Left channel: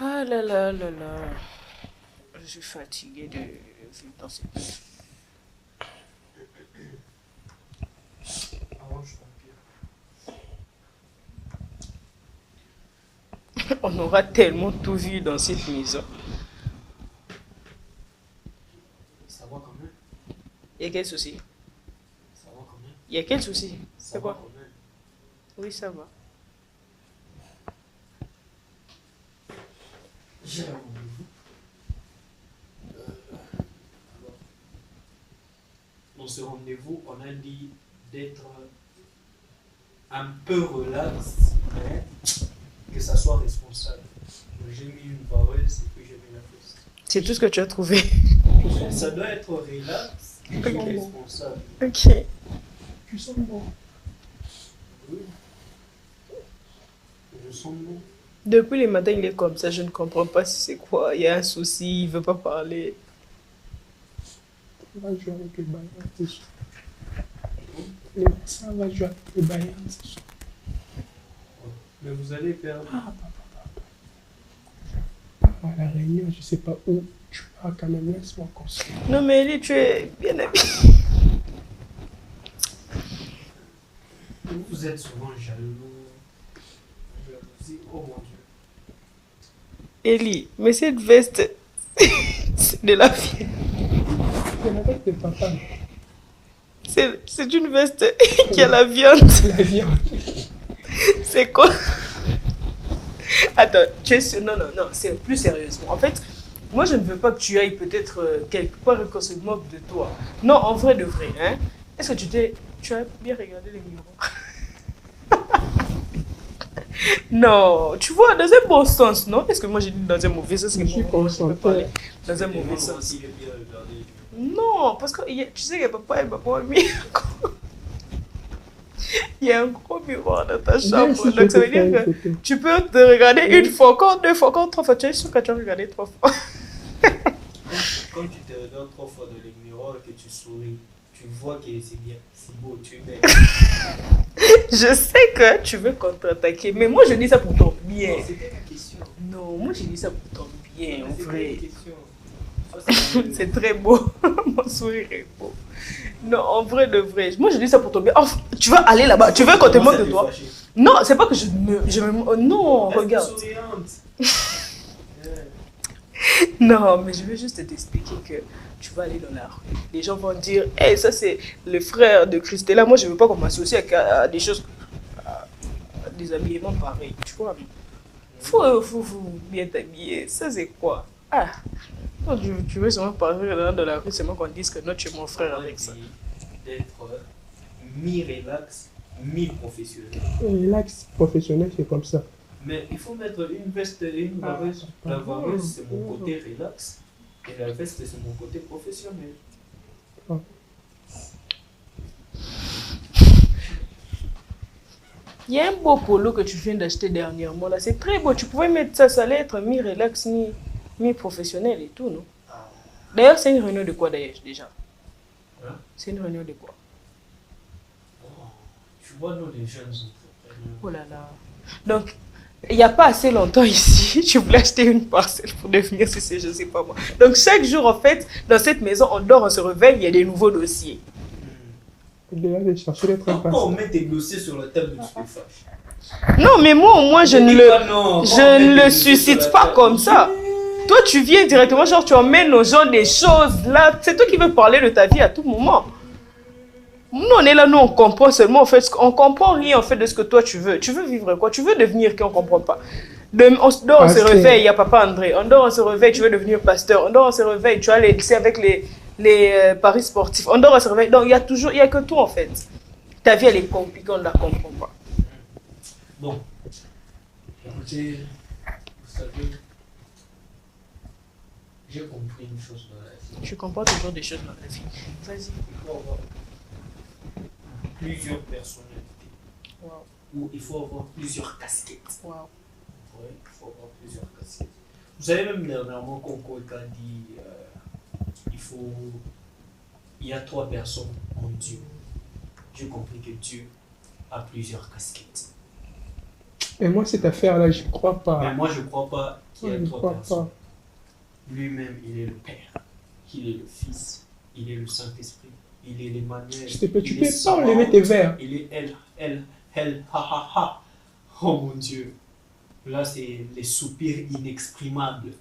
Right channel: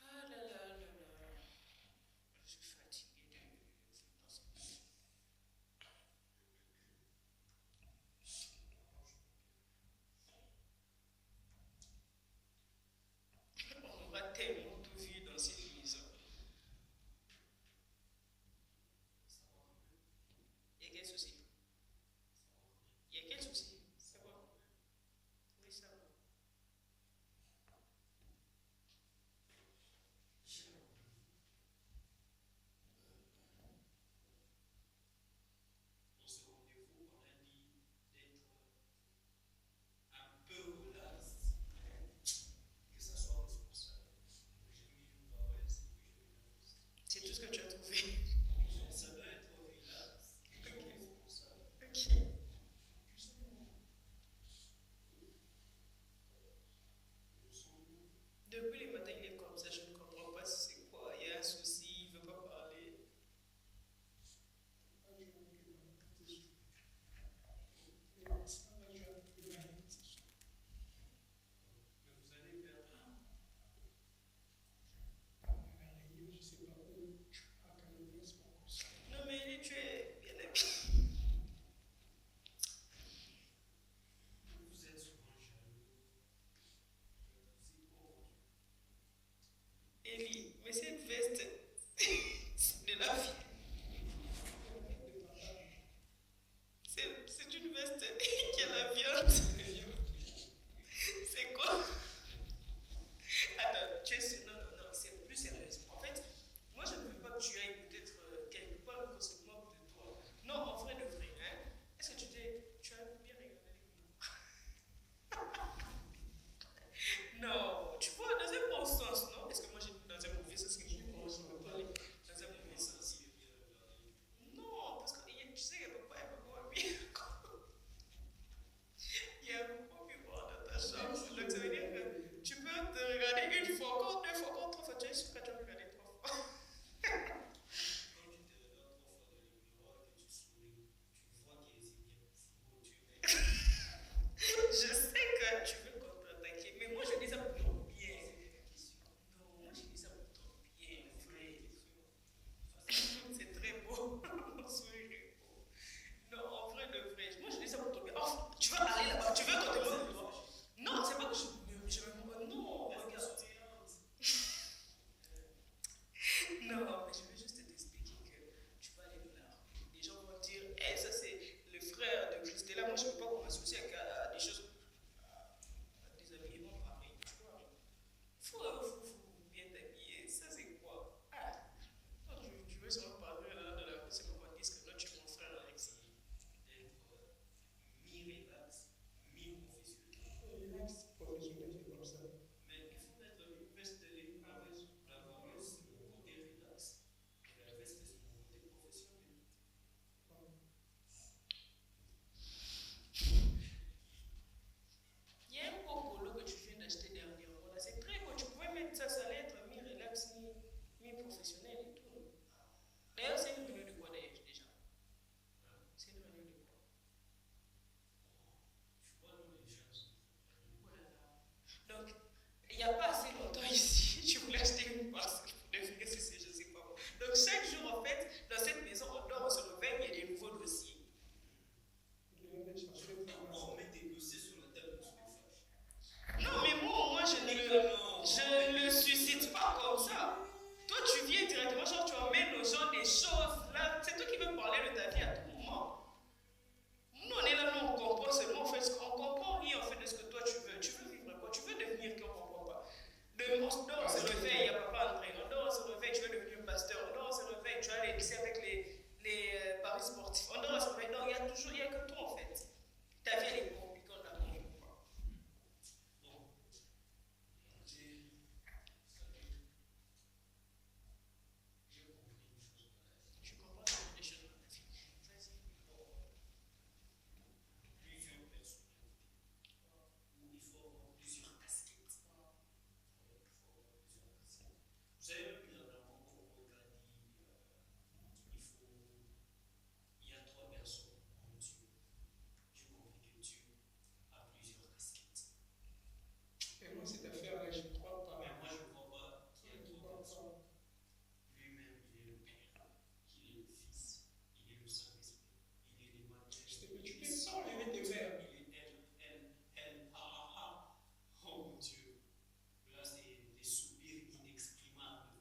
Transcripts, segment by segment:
Ah là là là là. Je suis fatiguée de vivre dans cette vie. On aura tellement tout vu dans cette maison. Ça va quand même. Il y a quel souci? Ça va quand même. Il y a quel souci? Ça C'est va quoi? quand même. Oui, ça va. J'ai un rendez-vous. Alors, dans ce rendez-vous, on a dit d'être un peu relax, mais que ça soit responsable. Donc, j'ai mis une vareuse et puis j'ai mis la fausse. C'est tout ce que tu as trouvé. Ça doit être relax et responsable. Ok. Tu sens bon? Oui. Je sens bon. Depuis le matin, il est comme ça. Je ne comprends pas si c'est quoi. Il y a un souci. Il veut pas parler. On va jouer avec les bailleurs ce soir. Ça va jouer avec les bailleurs ce soir. Mais vous allez perdre. À la réunion, je sais pas où. Tu pars quand même, laisse-moi construire. Non, mais Ellie, tu es bien habillée. Vous êtes souvent jaloux. Jalousie. Oh mon Dieu. Ellie, mais cette veste, c'est de la vie. C'est la veste de papa. C'est une veste qui a la viande. La viande. C'est quoi? Attends, tu es sûr? Non, non, non, c'est plus sérieusement. En fait, moi, je ne veux pas que tu ailles peut-être quelque part et qu'on se moque de toi. Non, en vrai de vrai, hein. Est-ce que tu as bien regardé les miroirs? Non, tu vois, dans un bon sens, non? Est-ce que moi j'ai dit dans un mauvais sens? Je suis concentré. Dans un mauvais sens. S'il est bien regardé. Non, parce que tu sais que papa et maman mis il y a un gros miroir dans ta chambre. Si Donc ça veut dire que tu peux te regarder une fois, encore deux fois, encore trois fois. Tu es sûr que tu as regardé trois fois. Quand tu te regardes 3 fois dans les miroirs et que tu souris, tu vois que c'est bien, c'est beau, tu es belle. Je sais que tu veux contre-attaquer, mais moi je dis ça pour ton bien. Non, c'était la question. Non, moi je dis ça pour ton bien, en C'était vrai. la question. C'est très beau. Mon sourire est beau. Non, en vrai de vrai. Moi je dis ça pour ton bien. Oh, tu vas aller là-bas, tu veux qu'on te moque de toi? Non, c'est pas que non, regarde. Non, mais je veux juste t'expliquer que tu vas aller dans la rue. Les gens vont dire, hey, ça c'est le frère de Christella. Moi, je veux pas qu'on m'associe à des choses, à des habillements pareils. Tu vois, faut bien t'habiller. Ça c'est quoi? Ah, toi, tu veux seulement parler dans la rue, seulement qu'on dise que non, tu es mon frère avec ça. D'être mi-relax, mi-professionnel. Relax professionnel, c'est comme ça. Mais il faut mettre une veste et une vareuse. La vareuse, c'est mon côté relax. Et la veste, c'est mon côté professionnel. Il y a un beau polo que tu viens d'acheter dernièrement là. C'est très beau. Tu pouvais mettre ça, ça allait être mi-relax, mi-professionnel et tout, non? D'ailleurs, c'est une réunion de quoi d'ailleurs déjà? Hein? C'est une réunion de quoi? Oh, tu vois, nous, les jeunes entrepreneurs. Oh là là. Donc, il n'y a pas assez longtemps ici, tu voulais acheter une parcelle pour devenir CC, je ne sais pas moi. Donc, chaque jour, en fait, dans cette maison, on dort, on se réveille, il y a des nouveaux dossiers. Déjà, j'ai cherché d'être un Pourquoi on met tes dossiers sur la table de tu te fâches? Non, mais moi, au moins, je ne le le suscite pas comme ça. Toi, tu viens directement, genre, tu emmènes aux gens des choses, là. C'est toi qui veux parler de ta vie à tout moment. Nous, on est là, nous, on comprend seulement, en fait, on comprend rien, en fait, de ce que toi, tu veux. Tu veux vivre quoi? Tu veux devenir qui? On comprend pas. On dort, on se réveille, il y a papa André. On dort, on se réveille, tu veux devenir pasteur. On dort, on se réveille, tu as c'est avec les paris sportifs. On dort, on se réveille. Donc, il y a que toi, en fait. Ta vie, elle est compliquée, on ne la comprend pas. Bon, écoutez, vous savez, j'ai compris une chose dans la vie. Je comprends toujours des choses dans la vie. Vas-y. Il faut avoir plusieurs personnalités. Wow. Ou il faut avoir plusieurs casquettes. Wow. Ouais, il faut avoir plusieurs casquettes. Vous savez, même dernièrement, Conco a dit il y a 3 personnes en Dieu. J'ai compris que Dieu a plusieurs casquettes. Et moi, cette affaire-là, je crois pas. Mais moi, je ne crois pas qu'il y a trois personnes. Lui-même, il est le Père, il est le Fils, il est le Saint-Esprit, il est l'Emmanuel. S'il te plaît, tu peux pas enlever tes verres. Il est elle, ha ha ha. Oh mon Dieu. Là, c'est les soupirs inexprimables.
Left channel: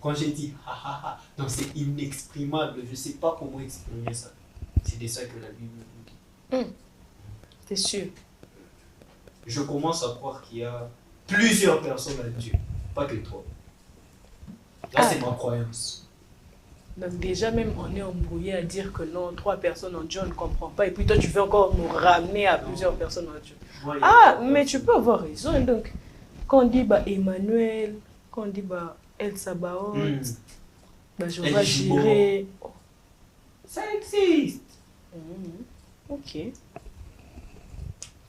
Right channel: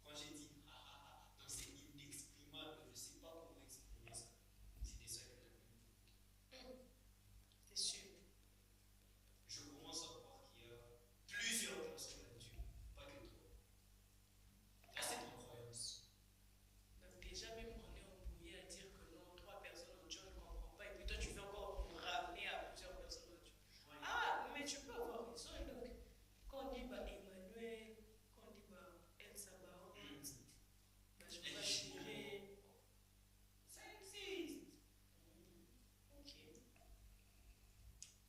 Quand j'ai dit ha ha ha, non, c'est inexprimable. Je ne sais pas comment exprimer ça. C'est de ça que la Bible nous dit. T'es sûr? Je commence à croire qu'il y a plusieurs personnes à Dieu, pas que toi. Là, c'est ma croyance. Donc déjà même on est embrouillé à dire que non, 3 personnes en Dieu on ne comprend pas. Et puis toi tu veux encore nous ramener à plusieurs personnes en Dieu. Moi, Mais tu peux avoir raison. Donc quand on dit Emmanuel, quand on dit El Sabaoth, Jéhovah Jireh. Ça existe. Ok.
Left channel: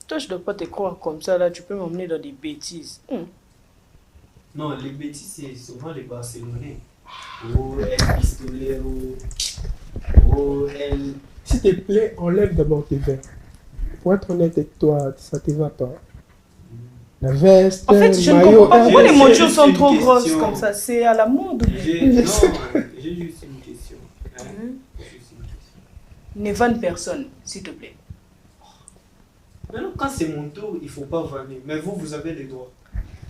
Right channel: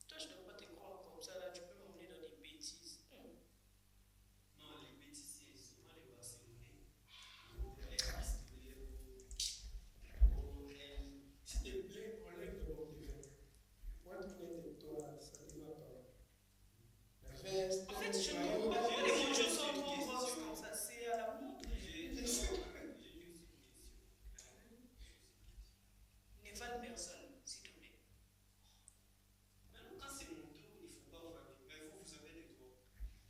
Toi je ne dois pas te croire comme ça là, tu peux m'emmener dans des bêtises. Non, les bêtises c'est souvent les Barcelonais. Oh, El Pistolero. Oh, El. S'il te plaît, enlève d'abord tes verres. Pour être honnête avec toi, ça te va pas. La veste, En fait, je ne maillot, comprends pas pourquoi les montures juste sont une trop question. grosses comme ça. C'est à la mode ou bien? J'ai juste une question. Ne vanne personne, s'il te plaît. Maintenant, quand c'est mon tour, il ne faut pas vanner. Mais vous avez les droits.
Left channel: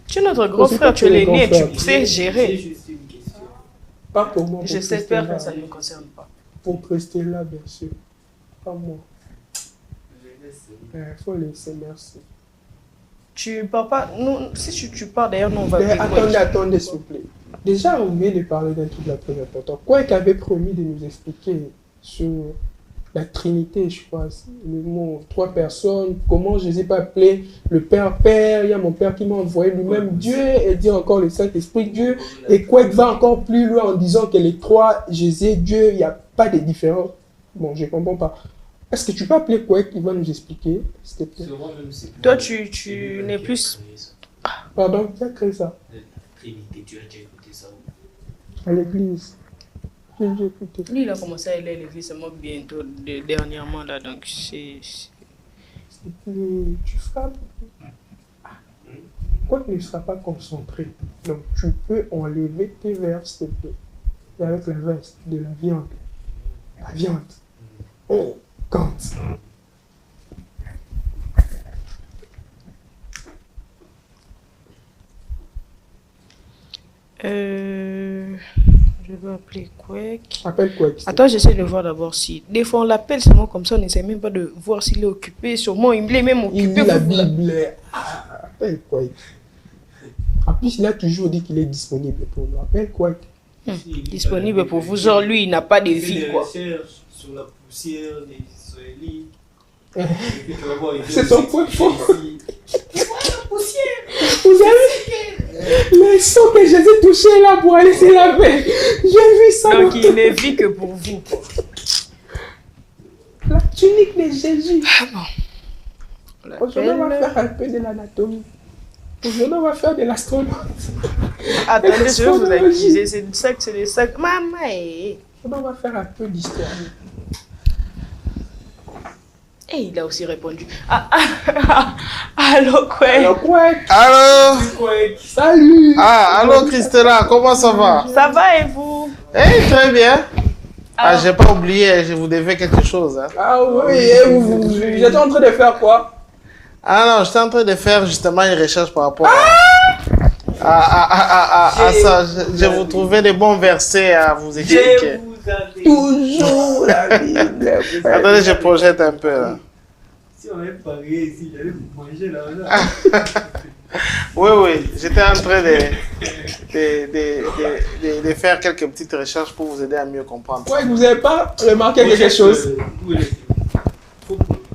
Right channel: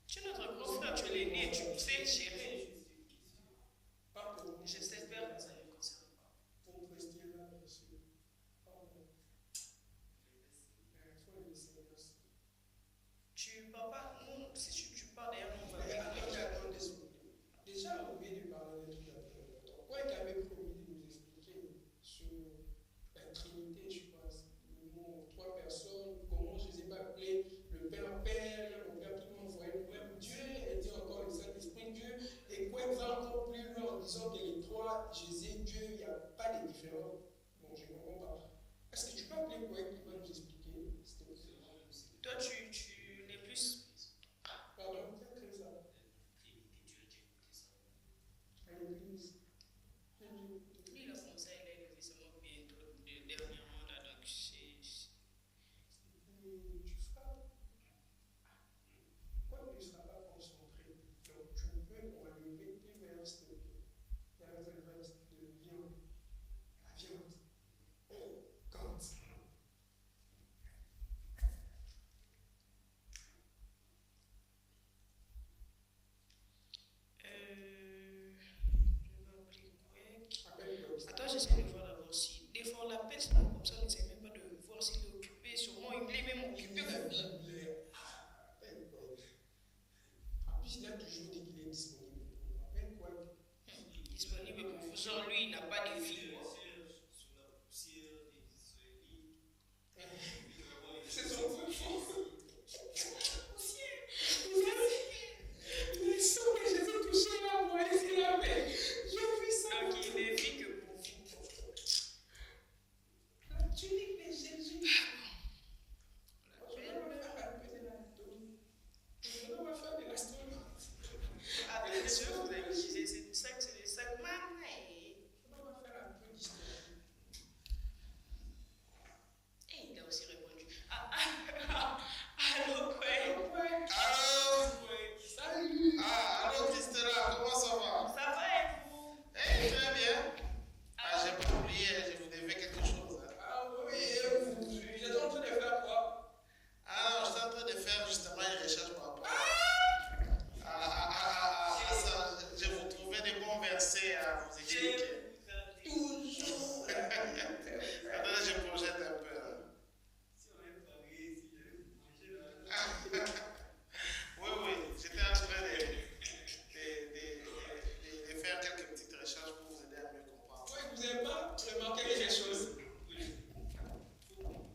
Tu es notre grand C'est frère, pas tu es que le l'aîné, grand frère. tu sais J'ai gérer. juste une question. pas pour moi. Je sais faire que ça ne me concerne pas. Pour rester là, bien sûr. Pas moi. Il faut laisser, merci. Tu pars pas. Nous, si tu pars d'ailleurs, nous on va. Mais attendez, s'il vous plaît. Déjà, on vient de parler d'un truc là très important. Quoi qu'il avait promis de nous expliquer sur la Trinité, je crois, le mot 3 personnes, comment je ne les ai pas appelés le Père, il y a mon Père qui m'a envoyé lui-même Dieu, et dit encore le Saint-Esprit Dieu, et quoi qu'il va encore plus loin en disant que les 3, Jésus, Dieu, il n'y a pas de différence. Bon, je ne comprends pas. Est-ce que tu peux appeler quoi qui va nous expliquer, s'il te plaît? Toi, tu n'es plus. Pardon, qui a créé ça? Trinité, tu as déjà écouté ça où? À l'église. J'ai écouté. Lui, il a commencé à aller à l'église seulement bientôt, dernièrement là, donc c'est. Tu frappes. Quoi qu'il ne sera pas concentré. Donc tu peux enlever tes verres, s'il te plaît. Et avec la veste de la viande. La viande. On compte. Je vais appeler Quake. Appelle quoi? Attends, j'essaie de voir d'abord si. Des fois, on l'appelle seulement comme ça, on n'essaie même pas de voir s'il est occupé. Sûrement, il est même occupé. Il lit la Bible. Appelle quoi? En plus, il a toujours dit qu'il est disponible pour nous. Appelle quoi? Disponible pour vous. Genre, lui, il n'a pas de vie, quoi. Sur la poussière des Israélites. C'est son point fort. La poussière. Vous avez le sang que Jésus touchait là pour aller se laver. J'ai vu ça. Donc, il ne vit que pour vous, quoi. La tunique de Jésus. Bon. Aujourd'hui, on va faire un peu de l'anatomie. Aujourd'hui, on va faire de l'astronomie. Attendez, je vais vous accuser. C'est du sac, c'est des sacs. Maman, Aujourd'hui, on va faire un peu d'histoire. Et il a aussi répondu. Allô, quoi? Alors, quoi? Allô? Salut. Allô Christella, comment ça va? Ça va et vous? Très bien. J'ai pas oublié, je vous devais quelque chose. Hein. Ah oui, et vous j'étais en train de faire quoi? Non, j'étais en train de faire justement une recherche par rapport à ça. Je vous trouvais des bons versets à vous expliquer. Toujours la Bible. Attendez, je projette un peu là. Si on avait parié ici, j'allais vous manger là. Oui, j'étais en train de faire quelques petites recherches pour vous aider à mieux comprendre. Ouais, vous n'avez pas remarqué quelque chose?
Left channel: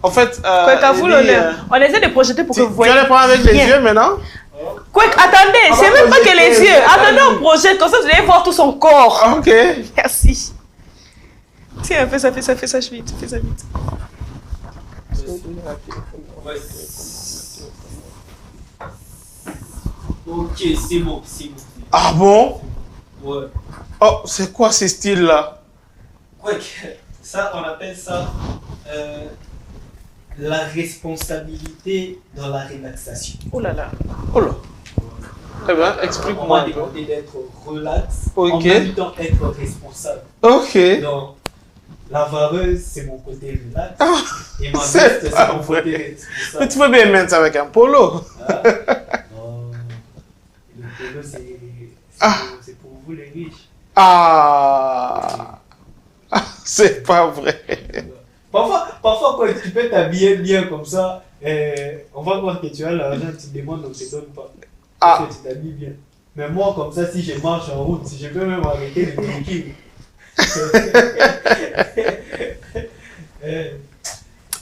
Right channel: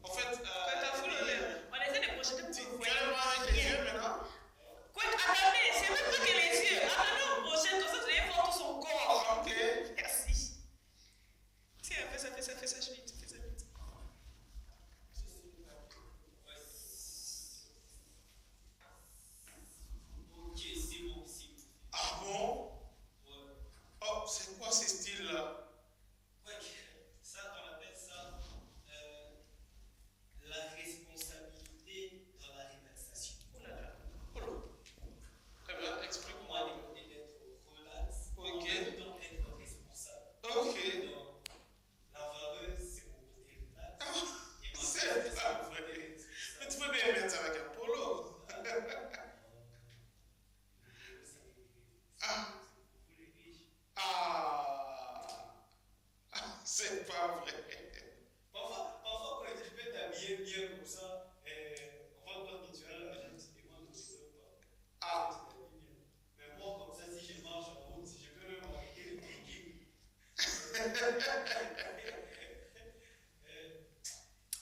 En fait, À vous l'honneur. On essaie de projeter pour que vous tu voyez. vas le prendre avec les Bien. yeux maintenant? Quake, attendez, c'est même pas que les yeux. Attendez, on projette, comme ça vous allez voir tout son corps. Ok. Merci. Tiens, fais ça vite, fais ça vite. Ok, c'est bon. Ah bon? Ouais. Oh, c'est quoi ce style-là? Ouais, ça, on appelle ça la responsabilité dans la relaxation. Oh là là. Oh là. Très bien, On explique-moi m'a un peu. demandé d'être relax, Ok. en même temps être responsable. Ok. Donc, la vareuse, c'est mon côté relax. Ah, Et ma c'est veste, pas c'est mon vrai. côté Mais responsable. tu peux bien mettre ça avec un polo. Ah. Non. Le polo, Ah. c'est pour vous les riches. Ah, c'est pas vrai. Parfois, quand tu peux t'habiller bien comme ça, on va voir que tu as l'argent, tu demandes, on ne te donne pas. Parce Ah, que tu t'habilles bien. Mais moi, comme ça, si je marche en route, si je peux même arrêter le véhicule.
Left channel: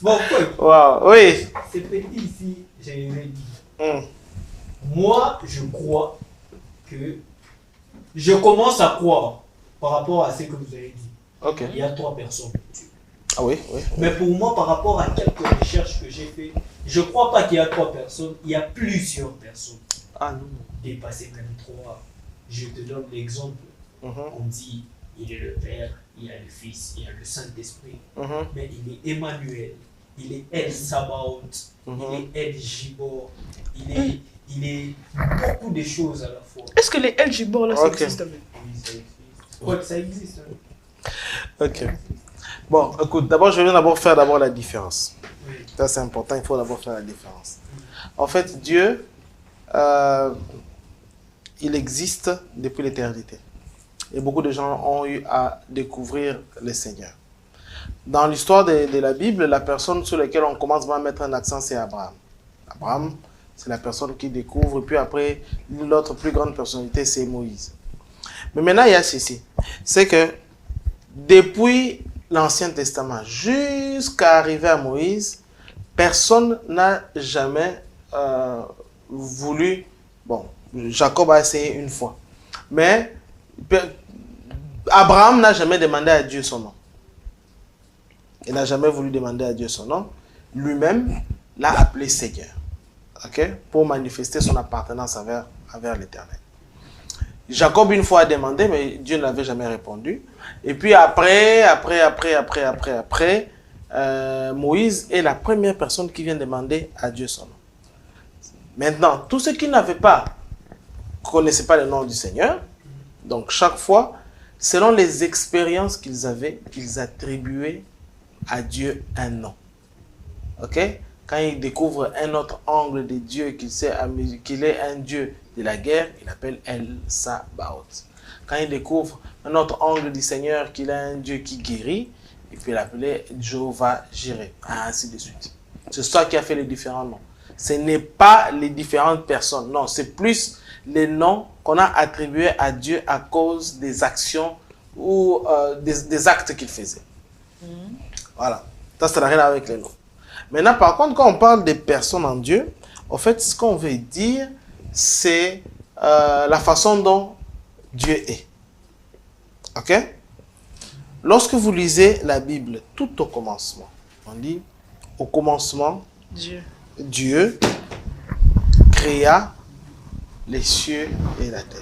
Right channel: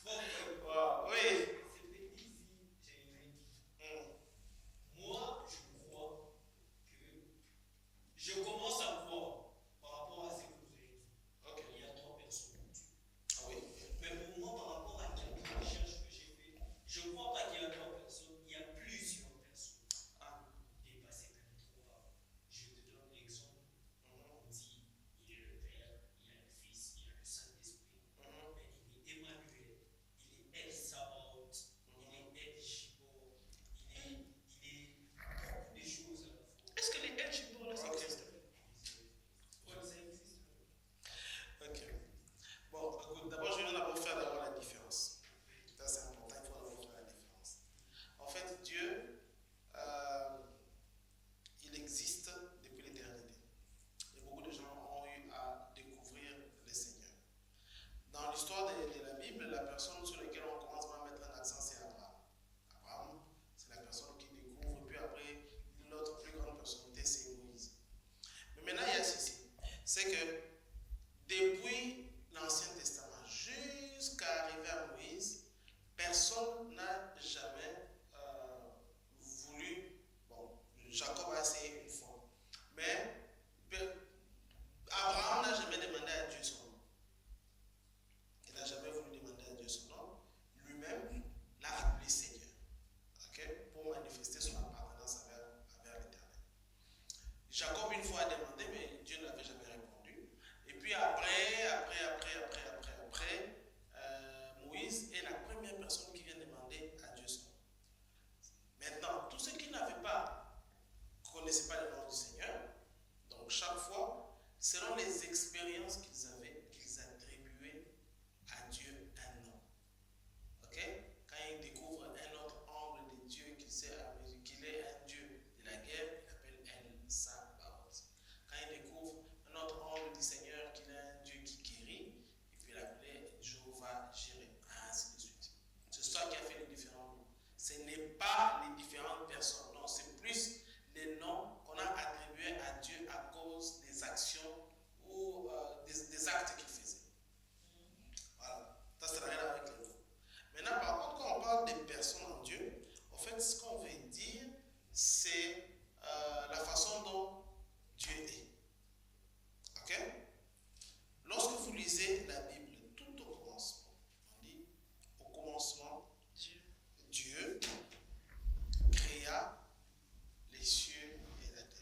Bon, quoi, wow, oui. c'est petit ici, je l'ai dit. Hmm. Moi, je crois que je commence à croire par rapport à ce que vous avez dit. Ok. Il y a 3 personnes. Ah oui, oui. Mais pour moi, par rapport à quelques recherches que j'ai faites, je ne crois pas qu'il y a 3 personnes, il y a plusieurs personnes. Ah non. Dépassé même 3. Je te donne l'exemple. Mhm, On dit, il est le Père, il y a le Fils, il y a le Saint-Esprit. mhm, Mais il est Emmanuel, il est El Sabaoth, mhm. il est El Gibor, il est beaucoup de choses à la fois. Est-ce que les LG là, ça Ok. existe même? Oui, ça existe. Ouais, ça existe. Hein. Ok. Bon, écoute, d'abord, je vais d'abord faire la différence. Oui. Ça, c'est important, il faut d'abord faire la différence. En fait, Dieu, il existe depuis l'éternité. Et beaucoup de gens ont eu à découvrir le Seigneur. Dans l'histoire de la Bible, la personne sur laquelle on commence à mettre un accent, c'est Abraham. Abraham, c'est la personne qui découvre. Et puis après, l'autre plus grande personnalité, c'est Moïse. Mais maintenant, il y a ceci. C'est que depuis l'Ancien Testament jusqu'à arriver à Moïse, personne n'a jamais voulu... Bon, Jacob a essayé une fois. Mais Abraham n'a jamais demandé à Dieu son nom. Il n'a jamais voulu demander à Dieu son nom. Lui-même l'a appelé Seigneur. Okay? Pour manifester son appartenance envers l'Éternel. Jacob une fois a demandé, mais Dieu ne l'avait jamais répondu. Et puis après, Moïse est la première personne qui vient demander à Dieu son nom. Maintenant, tous ceux qui n'avaient pas, connaissaient pas le nom du Seigneur, donc chaque fois, selon les expériences qu'ils avaient, ils attribuaient à Dieu un nom. Ok? Quand ils découvrent un autre angle de Dieu, qu'il est un Dieu de la guerre, il appelle El Sabaoth. Quand ils découvrent un autre angle du Seigneur, qu'il est un Dieu qui guérit, il peut l'appeler Jehovah Jireh, ainsi de suite. C'est ça qui a fait les différents noms. Ce n'est pas les différentes personnes, non, c'est plus les noms qu'on a attribués à Dieu à cause des actions ou des actes qu'il faisait. Voilà, ça n'a rien à voir avec les noms. Maintenant, par contre, quand on parle des personnes en Dieu, en fait, ce qu'on veut dire, c'est la façon dont Dieu est. Ok? Lorsque vous lisez la Bible, tout au commencement, on dit, au commencement, Dieu créa les cieux et la terre.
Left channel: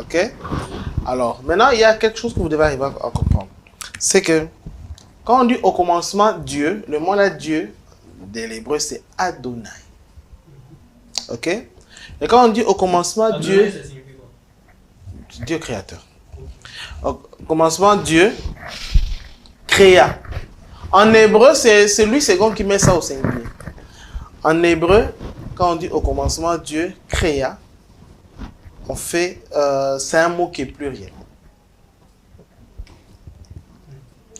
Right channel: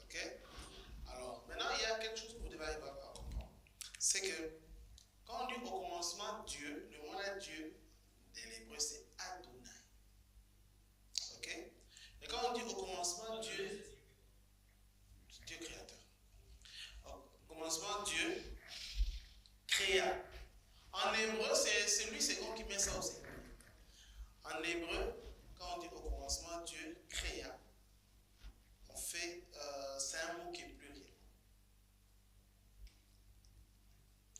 Ok? Alors, maintenant, il y a quelque chose que vous devez arriver à comprendre. C'est que, quand on dit au commencement Dieu, le mot là Dieu, de l'hébreu, c'est Adonai. Ok? Et quand on dit au commencement Adonai, Dieu, ça signifie quoi? Dieu créateur. Au commencement Dieu créa. En hébreu, c'est Louis II qui met ça au singulier. En hébreu, quand on dit au commencement Dieu créa, on fait, c'est un mot qui est pluriel.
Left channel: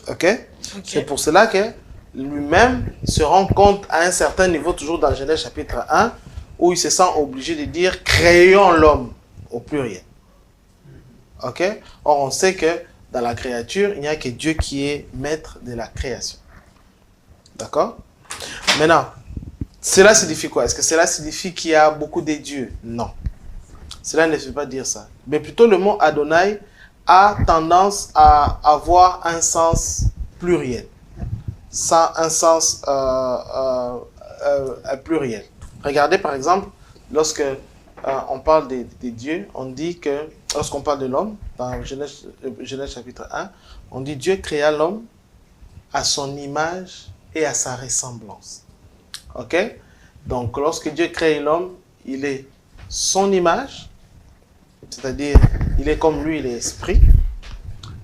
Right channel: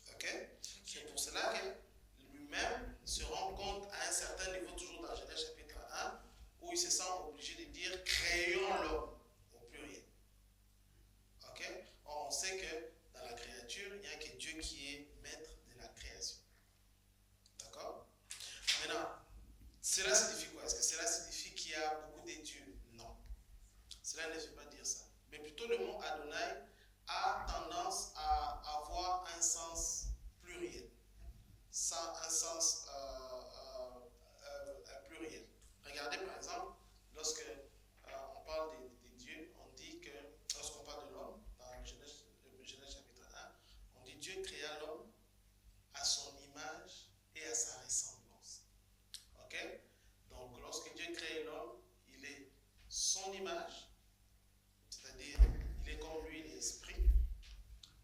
Ok? C'est pour cela que lui-même se rend compte à un certain niveau, toujours dans Genèse chapitre 1, où il se sent obligé de dire créons l'homme au pluriel. Ok? Or, on sait que dans la créature, il n'y a que Dieu qui est maître de la création. D'accord? Maintenant, cela signifie quoi? Est-ce que cela signifie qu'il y a beaucoup de dieux? Non. Cela ne veut pas dire ça. Mais plutôt le mot Adonai a tendance à avoir un sens pluriel. Un sens pluriel. Regardez par exemple, lorsque on parle des dieux, on dit que, lorsqu'on parle de l'homme, dans Genèse chapitre 1, on dit Dieu créa l'homme à son image et à sa ressemblance. Ok? Donc, lorsque Dieu crée l'homme, il est son image, c'est-à-dire, il est comme lui, il est esprit,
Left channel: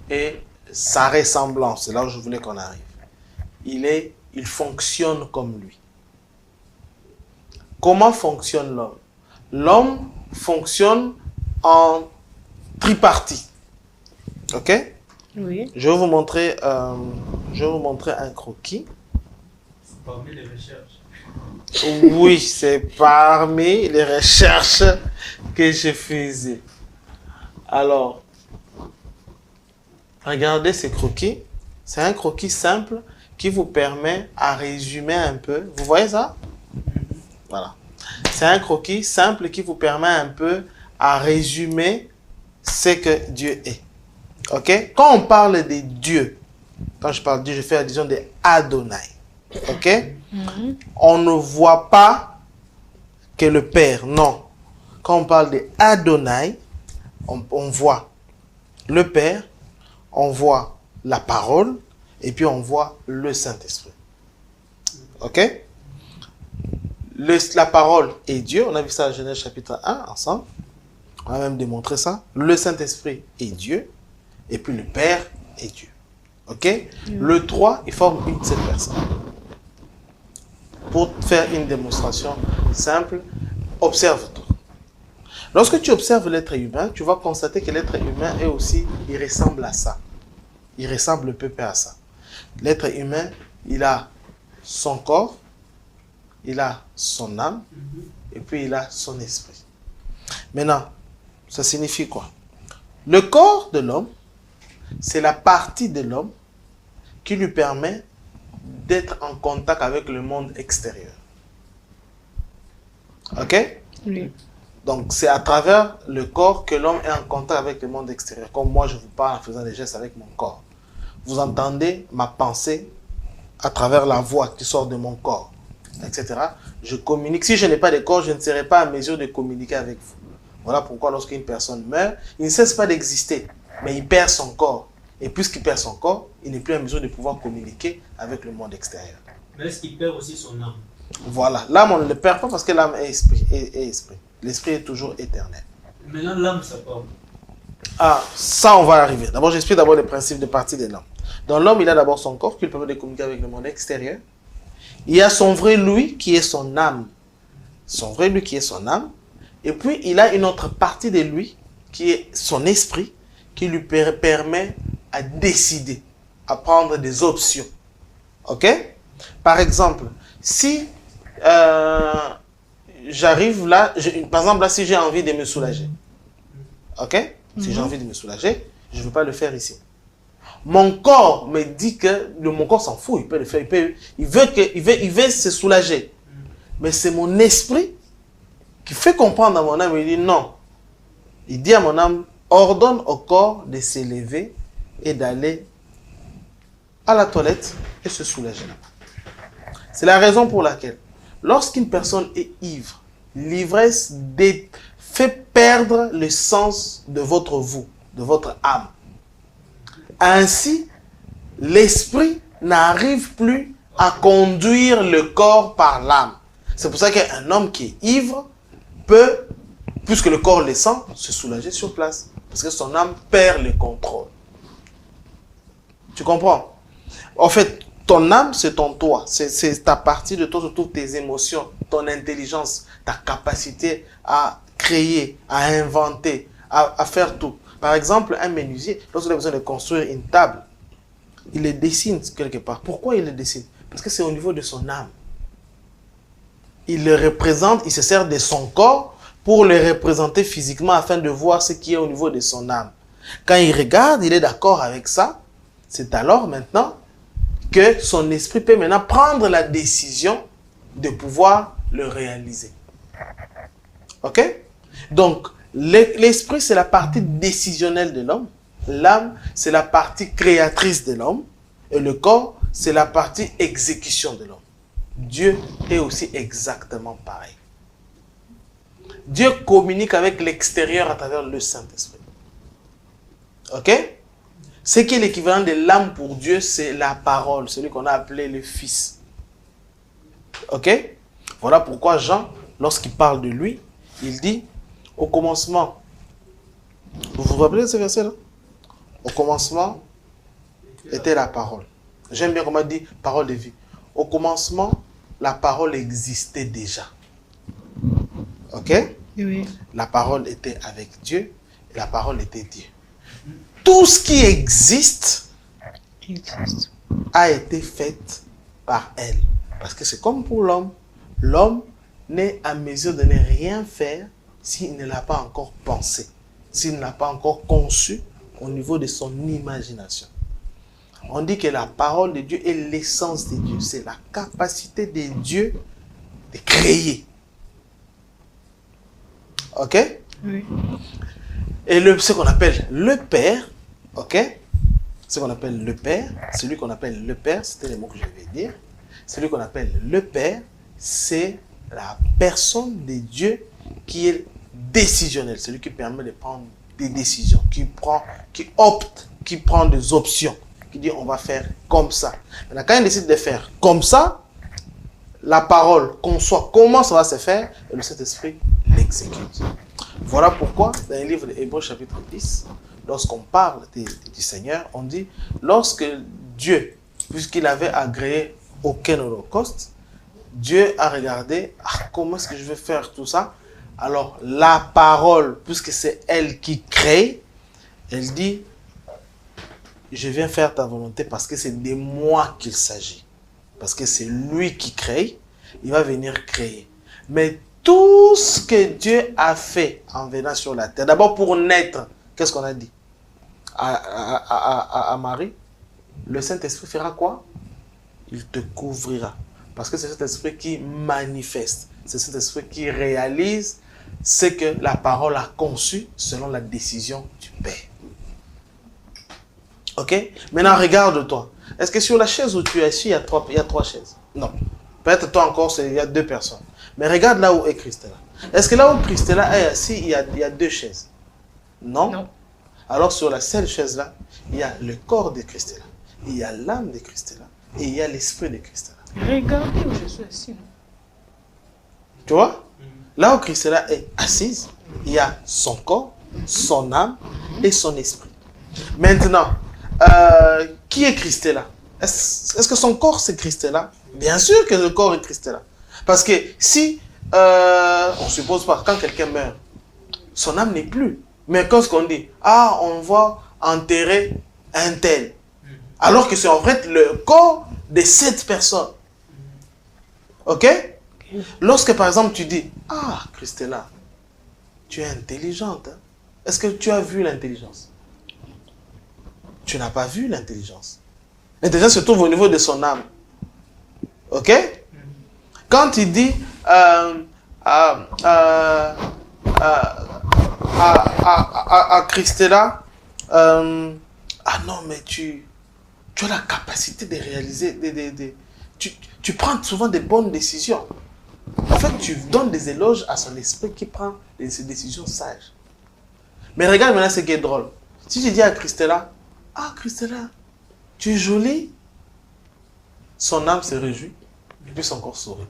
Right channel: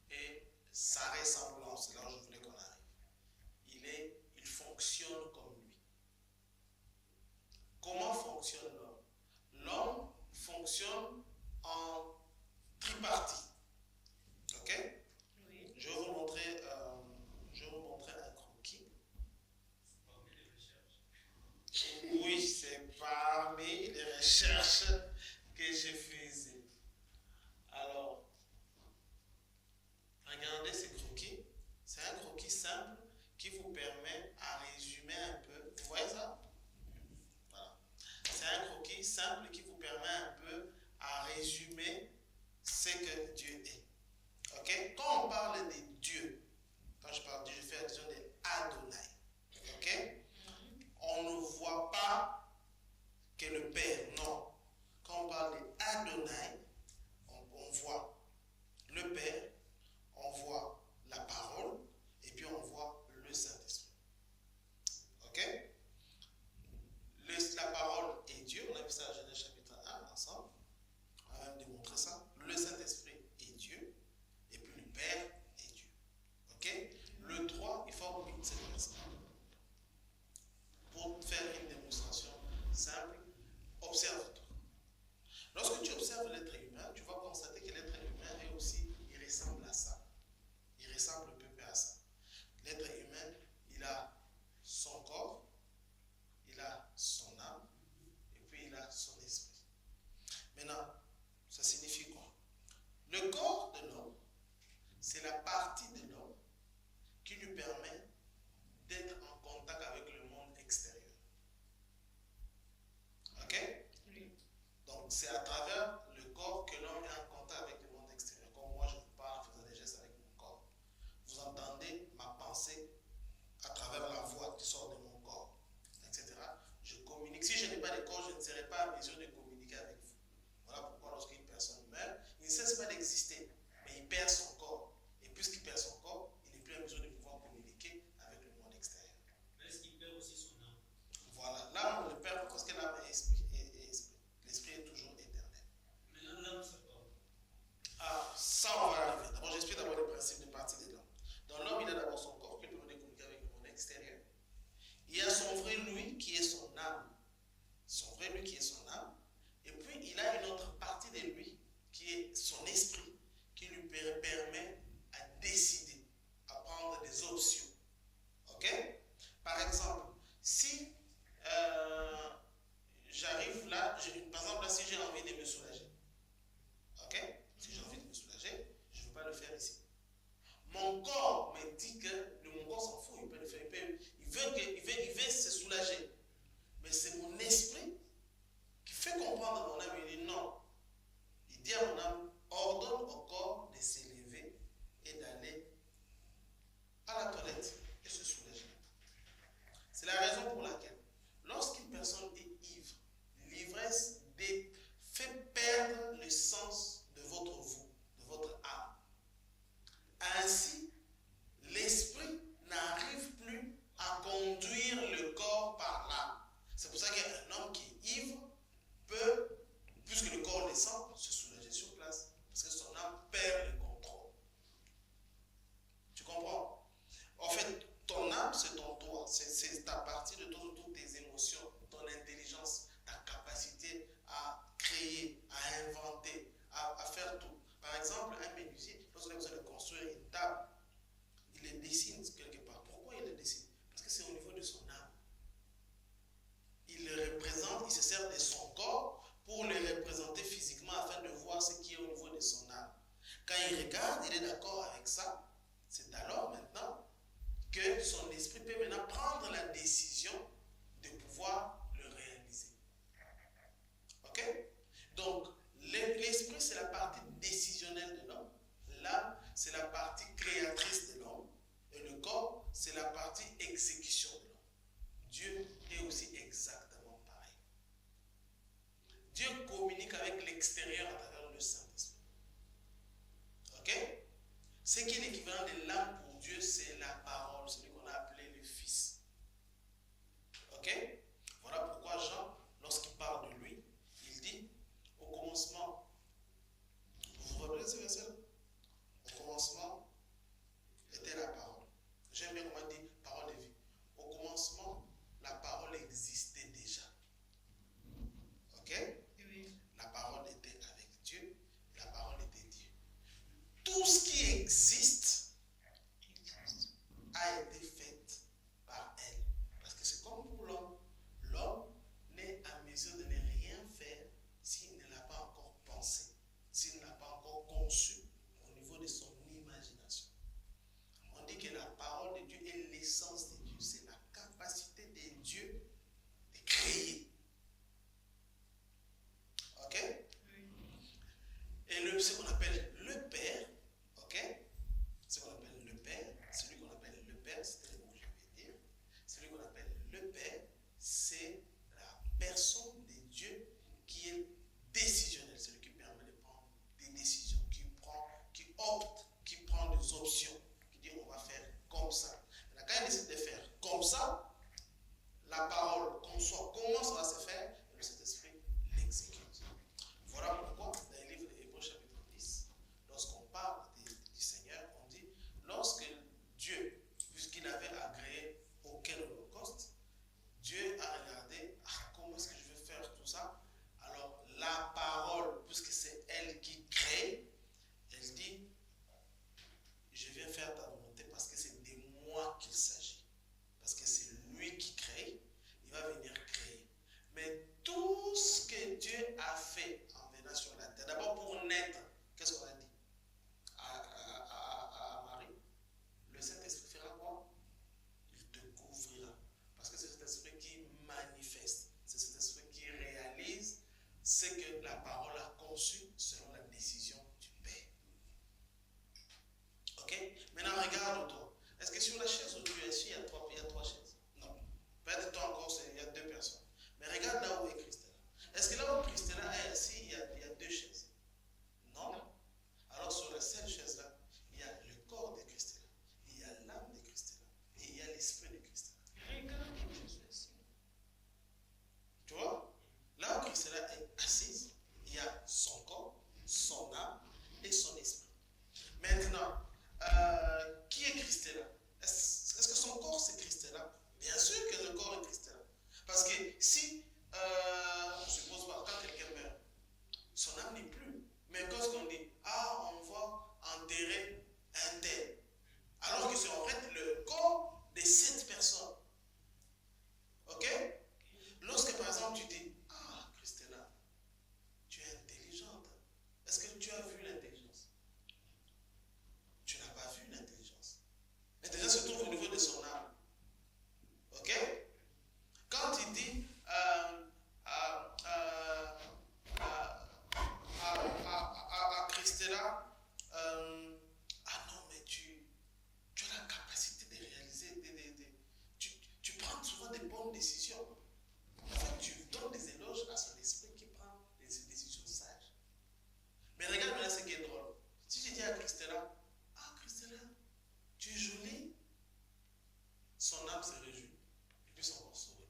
et sa ressemblance, c'est là où je voulais qu'on arrive. Il fonctionne comme lui. Comment fonctionne l'homme? L'homme fonctionne en tripartite. Ok? Oui. Je vais vous montrer un croquis. Parmi les recherches. Oui, c'est parmi les recherches que je faisais. Alors, regardez ce croquis. C'est un croquis simple qui vous permet à résumer un peu. Vous voyez ça? Voilà. C'est un croquis simple qui vous permet un peu à résumer ce que Dieu est. Ok? Quand on parle de Dieu, quand je parle de Dieu, je fais allusion de Adonai. Ok? On ne voit pas que le Père, non. Quand on parle de Adonai, on voit le Père, on voit la parole, et puis on voit le Saint-Esprit. Ok? La parole est Dieu, on a vu ça à Genèse chapitre 1 ensemble. On va même démontrer ça. Le Saint-Esprit est Dieu, et puis le Père est Dieu. Ok? Le 3, ils forment une seule personne. Pour faire une démonstration simple, observe-toi. Lorsque tu observes l'être humain, tu vas constater que l'être humain est aussi, il ressemble à ça. Il ressemble peu à ça. L'être humain, il a son corps, il a son âme, et puis il a son esprit. Maintenant, ça signifie quoi? Le corps de l'homme, c'est la partie de l'homme qui lui permet d'être en contact avec le monde extérieur. Ok? Oui. Donc, c'est à travers le corps que l'homme est en contact avec le monde extérieur. Comme moi, je vous parle en faisant des gestes avec mon corps. Vous entendez ma pensée à travers la voix qui sort de mon corps, etc. Je communique. Si je n'ai pas de corps, je ne serai pas à mesure de communiquer avec vous. Voilà pourquoi lorsqu'une personne meurt, il ne cesse pas d'exister, mais il perd son corps. Et puisqu'il perd son corps, il n'est plus à mesure de pouvoir communiquer avec le monde extérieur. Mais est-ce qu'il perd aussi son âme? Voilà. L'âme, on ne le perd pas parce que l'âme est esprit. L'esprit est toujours éternel. Maintenant, l'âme, ça part. Ah, ça, on va arriver. D'abord, j'explique d'abord les principes de partie de l'homme. Dans l'homme, il a d'abord son corps qui lui permet de communiquer avec le monde extérieur. Il y a son vrai lui qui est son âme. Son vrai lui qui est son âme. Et puis, il a une autre partie de lui qui est son esprit qui lui permet à décider, à prendre des options. Ok? Par exemple, si j'arrive là, par exemple là, si j'ai envie de me soulager, ok? Si j'ai envie de me soulager, je ne veux pas le faire ici. Mon corps me dit que mon corps s'en fout, il peut le faire, il veut se soulager. Mais c'est mon esprit qui fait comprendre à mon âme, il dit non. Il dit à mon âme, ordonne au corps de s'élever et d'aller à la toilette et se soulager. C'est la raison pour laquelle, lorsqu'une personne est ivre, l'ivresse fait perdre le sens de votre vous, de votre âme. Ainsi, l'esprit n'arrive plus à conduire le corps par l'âme. C'est pour ça qu'un homme qui est ivre peut, puisque le corps le sent, se soulager sur place. Parce que son âme perd le contrôle. Tu comprends? En fait, ton âme, c'est ton toi. C'est ta partie de toi, surtout tes émotions, ton intelligence, ta capacité à créer, à inventer, à faire tout. Par exemple, un menuisier, lorsqu'il a besoin de construire une table, il le dessine quelque part. Pourquoi il le dessine? Parce que c'est au niveau de son âme. Il le représente, il se sert de son corps pour le représenter physiquement afin de voir ce qui est au niveau de son âme. Quand il regarde, il est d'accord avec ça. C'est alors maintenant que son esprit peut maintenant prendre la décision de pouvoir le réaliser. Ok? Donc, l'esprit, c'est la partie décisionnelle de l'homme. L'âme, c'est la partie créatrice de l'homme. Et le corps, c'est la partie exécution de l'homme. Dieu est aussi exactement pareil. Dieu communique avec l'extérieur à travers le Saint-Esprit. Ok? Ce qui est l'équivalent de l'âme pour Dieu, c'est la parole, celui qu'on a appelé le Fils. Ok? Voilà pourquoi Jean, lorsqu'il parle de lui, il dit, Au commencement, vous vous rappelez de ce verset-là? Au commencement était la parole. J'aime bien comment on dit parole de vie. Au commencement, la parole existait déjà. Ok? Oui. La parole était avec Dieu et la parole était Dieu. Tout ce qui existe a été fait par elle. Parce que c'est comme pour l'homme. L'homme n'est à mesure de ne rien faire s'il ne l'a pas encore pensé, s'il ne l'a pas encore conçu au niveau de son imagination. On dit que la parole de Dieu est l'essence de Dieu. C'est la capacité de Dieu de créer. Ok? Oui. Et ce qu'on appelle le Père, ok? Ce qu'on appelle le Père, celui qu'on appelle le Père, c'était les mots que je vais dire. Celui qu'on appelle le Père, c'est la personne de Dieu qui est décisionnelle, celui qui permet de prendre des décisions, qui opte, qui prend des options, qui dit on va faire comme ça. Maintenant, quand il décide de faire comme ça, la parole conçoit comment ça va se faire et le Saint-Esprit l'exécute. Voilà pourquoi dans le livre d'Hébreux chapitre 10, lorsqu'on parle du Seigneur, on dit lorsque Dieu, puisqu'il avait agréé aucun holocauste, Dieu a regardé comment est-ce que je vais faire tout ça. Alors la parole, puisque c'est elle qui crée, elle dit je viens faire ta volonté parce que c'est de moi qu'il s'agit. Parce que c'est lui qui crée, il va venir créer. Mais tout ce que Dieu a fait en venant sur la terre, d'abord pour naître, qu'est-ce qu'on a dit à Marie? Le Saint-Esprit fera quoi? Il te couvrira. Parce que c'est cet esprit qui manifeste, c'est cet esprit qui réalise ce que la parole a conçu selon la décision du Père. Ok? Maintenant, regarde-toi. Est-ce que sur la chaise où tu es assis, il y a trois chaises? Non. Peut-être toi encore, il y a 2 personnes. Mais regarde là où est Christella. Est-ce que là où Christella est assise, il y a 2 chaises? Non? Non. Alors sur la seule chaise là, il y a le corps de Christella, il y a l'âme de Christella et il y a l'esprit de Christella. Regardez où je suis assis. Tu vois? Là où Christella est assise, il y a son corps, son âme et son esprit. Maintenant, qui est Christella? Est-ce que son corps c'est Christella? Bien sûr que le corps est Christella. Parce que si, on suppose pas, quand quelqu'un meurt, son âme n'est plus. Mais quand ce qu'on dit, on va enterrer un tel. Alors que c'est en fait le corps de cette personne. Ok? Lorsque par exemple tu dis, Christella, tu es intelligente. Hein? Est-ce que tu as vu l'intelligence? Tu n'as pas vu l'intelligence. L'intelligence se trouve au niveau de son âme. Ok? Quand tu dis à Christella, non mais tu as la capacité de réaliser, tu prends souvent des bonnes décisions. En fait, tu donnes des éloges à son esprit qui prend des décisions sages. Mais regarde maintenant ce qui est drôle. Si je dis à Christella, Christella, tu es jolie, son âme se réjouit, et puis son corps sourit.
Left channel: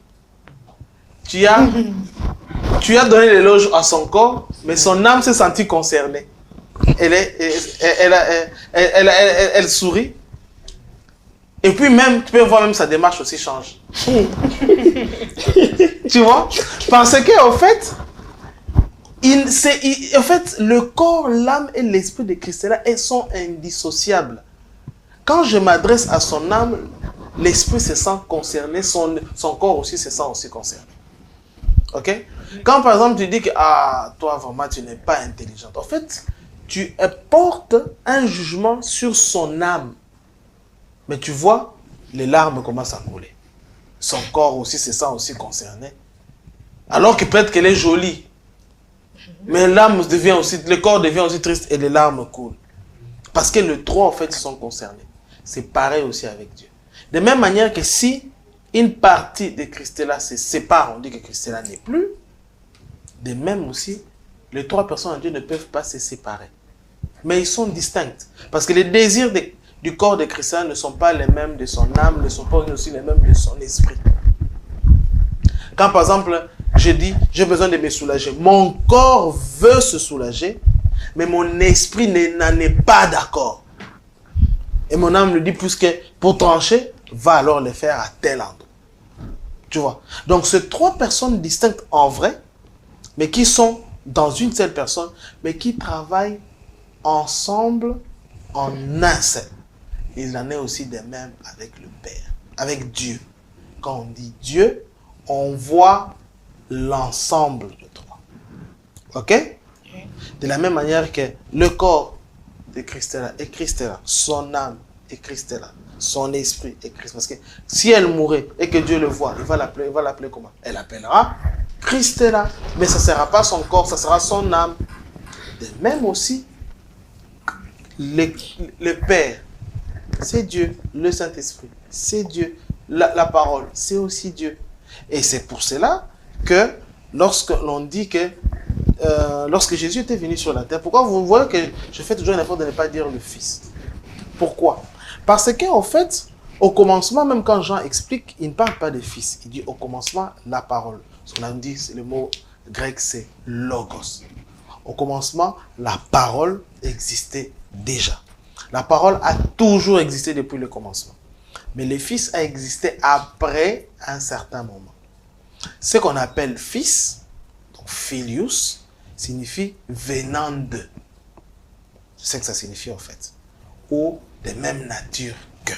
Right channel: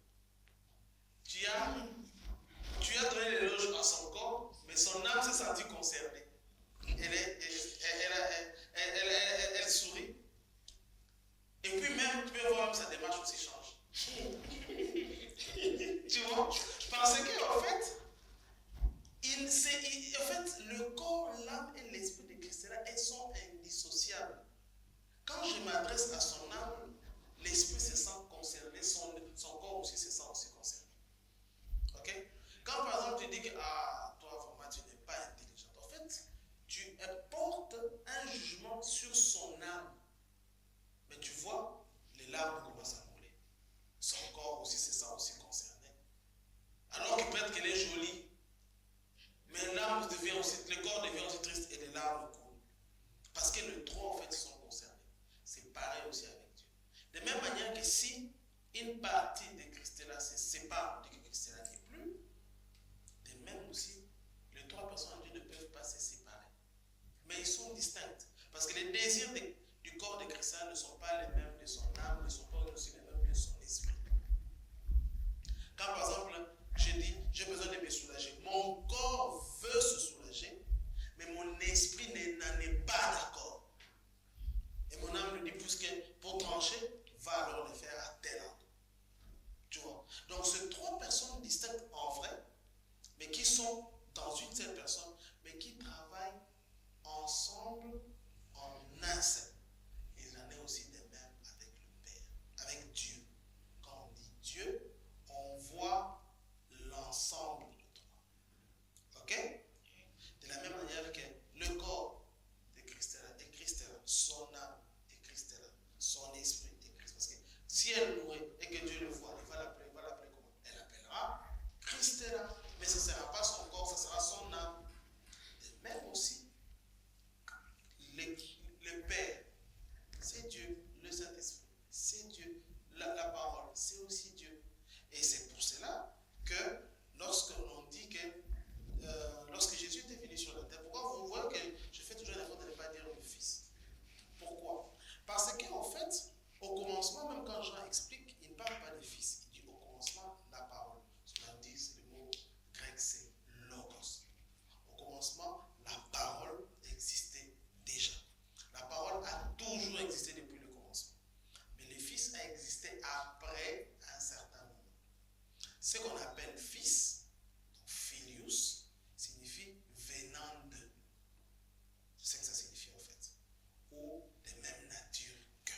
Tu as donné l'éloge à son corps, mais son âme s'est sentie concernée. Elle sourit. Et puis même, tu peux voir même sa démarche aussi change. Tu vois? Parce que en fait, le corps, l'âme et l'esprit de Christella, elles sont indissociables. Quand je m'adresse à son âme, l'esprit se sent concerné, son corps aussi se sent aussi concerné. Ok? Quand par exemple tu dis que toi vraiment tu n'es pas intelligente, en fait, tu portes un jugement sur son âme. Mais tu vois, les larmes commencent à couler. Son corps aussi se sent aussi concerné. Alors que peut-être qu'elle est jolie. Mais le corps devient aussi triste et les larmes coulent. Parce que les trois en fait sont concernés. C'est pareil aussi avec Dieu. De même manière que si une partie de Christella se sépare, on dit que Christella n'est plus. De même aussi, les 3 personnes en Dieu ne peuvent pas se séparer. Mais ils sont distincts. Parce que les désirs du corps de Christella ne sont pas les mêmes de son âme, ne sont pas aussi les mêmes de son esprit. Quand par exemple, je dis, j'ai besoin de me soulager. Mon corps veut se soulager, mais mon esprit n'en est pas d'accord. Et mon âme me dit, puisque pour trancher, va alors le faire à tel endroit. Tu vois. Donc, c'est trois personnes distinctes en vrai, mais qui sont dans une seule personne, mais qui travaillent ensemble en un seul. Il en est aussi de même avec le Père, avec Dieu. Quand on dit Dieu, on voit l'ensemble de trois. Ok? De la même manière que le corps de Christ est Christ là, son âme est Christ là, son esprit est Christ. Parce que si elle mourait et que Dieu le voit, il va l'appeler comment? Elle l'appellera Christ là, mais ça ne sera pas son corps, ça sera son âme. De même aussi, le Père, c'est Dieu, le Saint-Esprit, c'est Dieu, la parole, c'est aussi Dieu. Et c'est pour cela que lorsque l'on dit que lorsque Jésus était venu sur la terre, pourquoi vous voyez que je fais toujours un effort de ne pas dire le Fils? Pourquoi? Parce qu'en fait, au commencement, même quand Jean explique, il ne parle pas de Fils. Il dit au commencement, la parole. Ce qu'on a dit, le mot grec, c'est logos. Au commencement, la parole existait déjà. La parole a toujours existé depuis le commencement. Mais le Fils a existé après un certain moment. Ce qu'on appelle Fils, donc Filius, signifie venant de. C'est ce que ça signifie en fait. Ou de même nature que.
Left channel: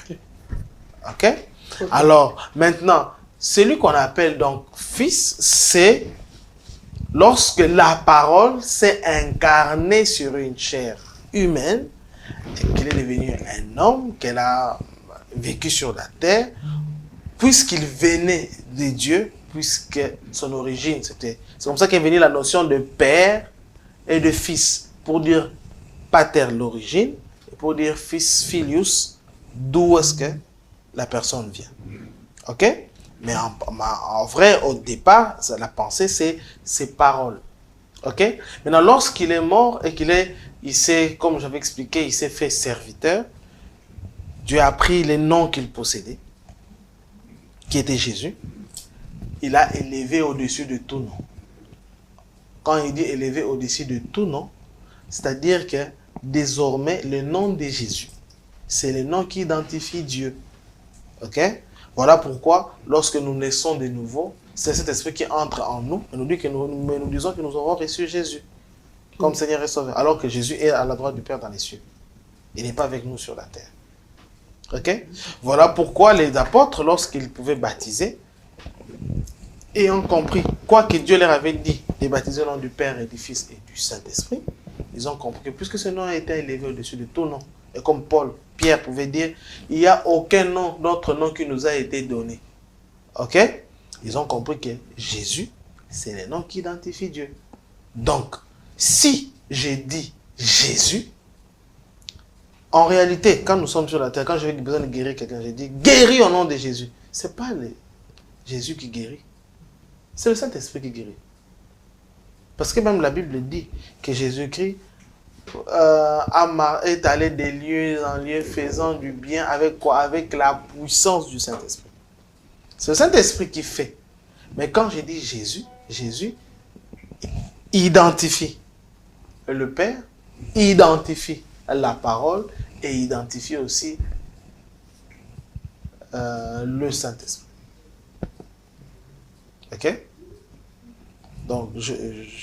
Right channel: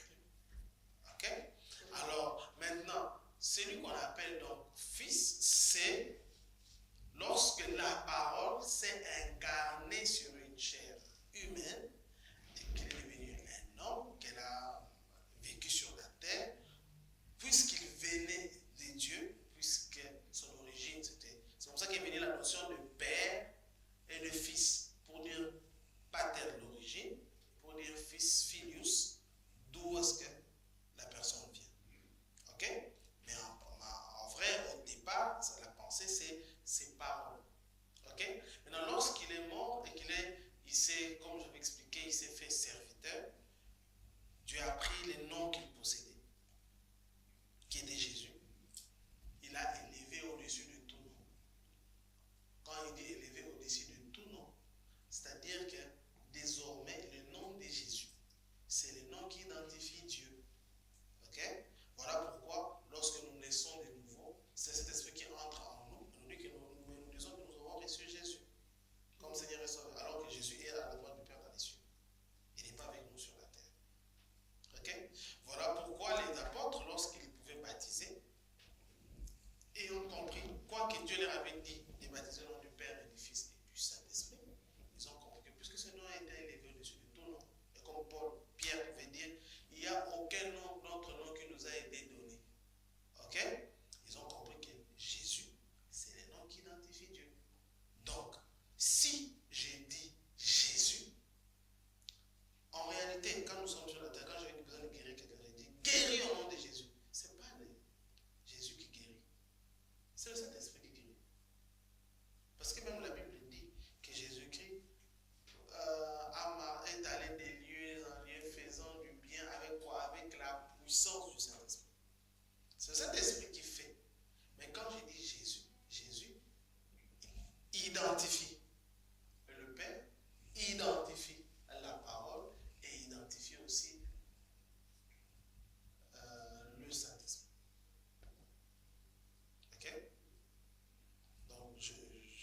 Ok? Alors, maintenant, celui qu'on appelle donc Fils, c'est lorsque la parole s'est incarnée sur une chair humaine et qu'il est devenu un homme, qu'elle a vécu sur la terre, puisqu'il venait de Dieu, puisque son origine, c'est comme ça qu'est venue la notion de père et de fils, pour dire pater l'origine, et pour dire fils, filius, d'où est-ce que la personne vient. Ok? Mais en vrai, au départ, la pensée, c'est ses paroles. Ok? Maintenant, lorsqu'il est mort et il s'est, comme j'avais expliqué, il s'est fait serviteur, Dieu a pris les noms qu'il possédait, qui était Jésus, il a élevé au-dessus de tout nom. Quand il dit élevé au-dessus de tout nom, c'est-à-dire que désormais, le nom de Jésus, c'est le nom qui identifie Dieu. Ok? Voilà pourquoi, lorsque nous naissons de nouveau, c'est cet esprit qui entre en nous et nous dit que nous disons que nous aurons reçu Jésus comme Seigneur et Sauveur, alors que Jésus est à la droite du Père dans les cieux. Il n'est pas avec nous sur la terre. Ok? Voilà pourquoi les apôtres, lorsqu'ils pouvaient baptiser, ayant compris quoi que Dieu leur avait dit de baptiser au nom du Père et du Fils et du Saint-Esprit, ils ont compris que puisque ce nom a été élevé au-dessus de tout nom, et comme Pierre pouvait dire, il n'y a aucun nom, d'autre nom qui nous a été donné. Ok? Ils ont compris que Jésus, c'est le nom qui identifie Dieu. Donc, si j'ai dit Jésus, en réalité, quand nous sommes sur la terre, quand j'ai besoin de guérir quelqu'un, j'ai dit guéris au nom de Jésus. Ce n'est pas Jésus qui guérit. C'est le Saint-Esprit qui guérit. Parce que même la Bible dit que Jésus-Christ est allé des lieux en lieux faisant du bien avec quoi? Avec la puissance du Saint-Esprit. C'est le Saint-Esprit qui fait. Mais quand je dis Jésus, Jésus identifie le Père, identifie la parole et identifie aussi le Saint-Esprit. Ok? Donc, je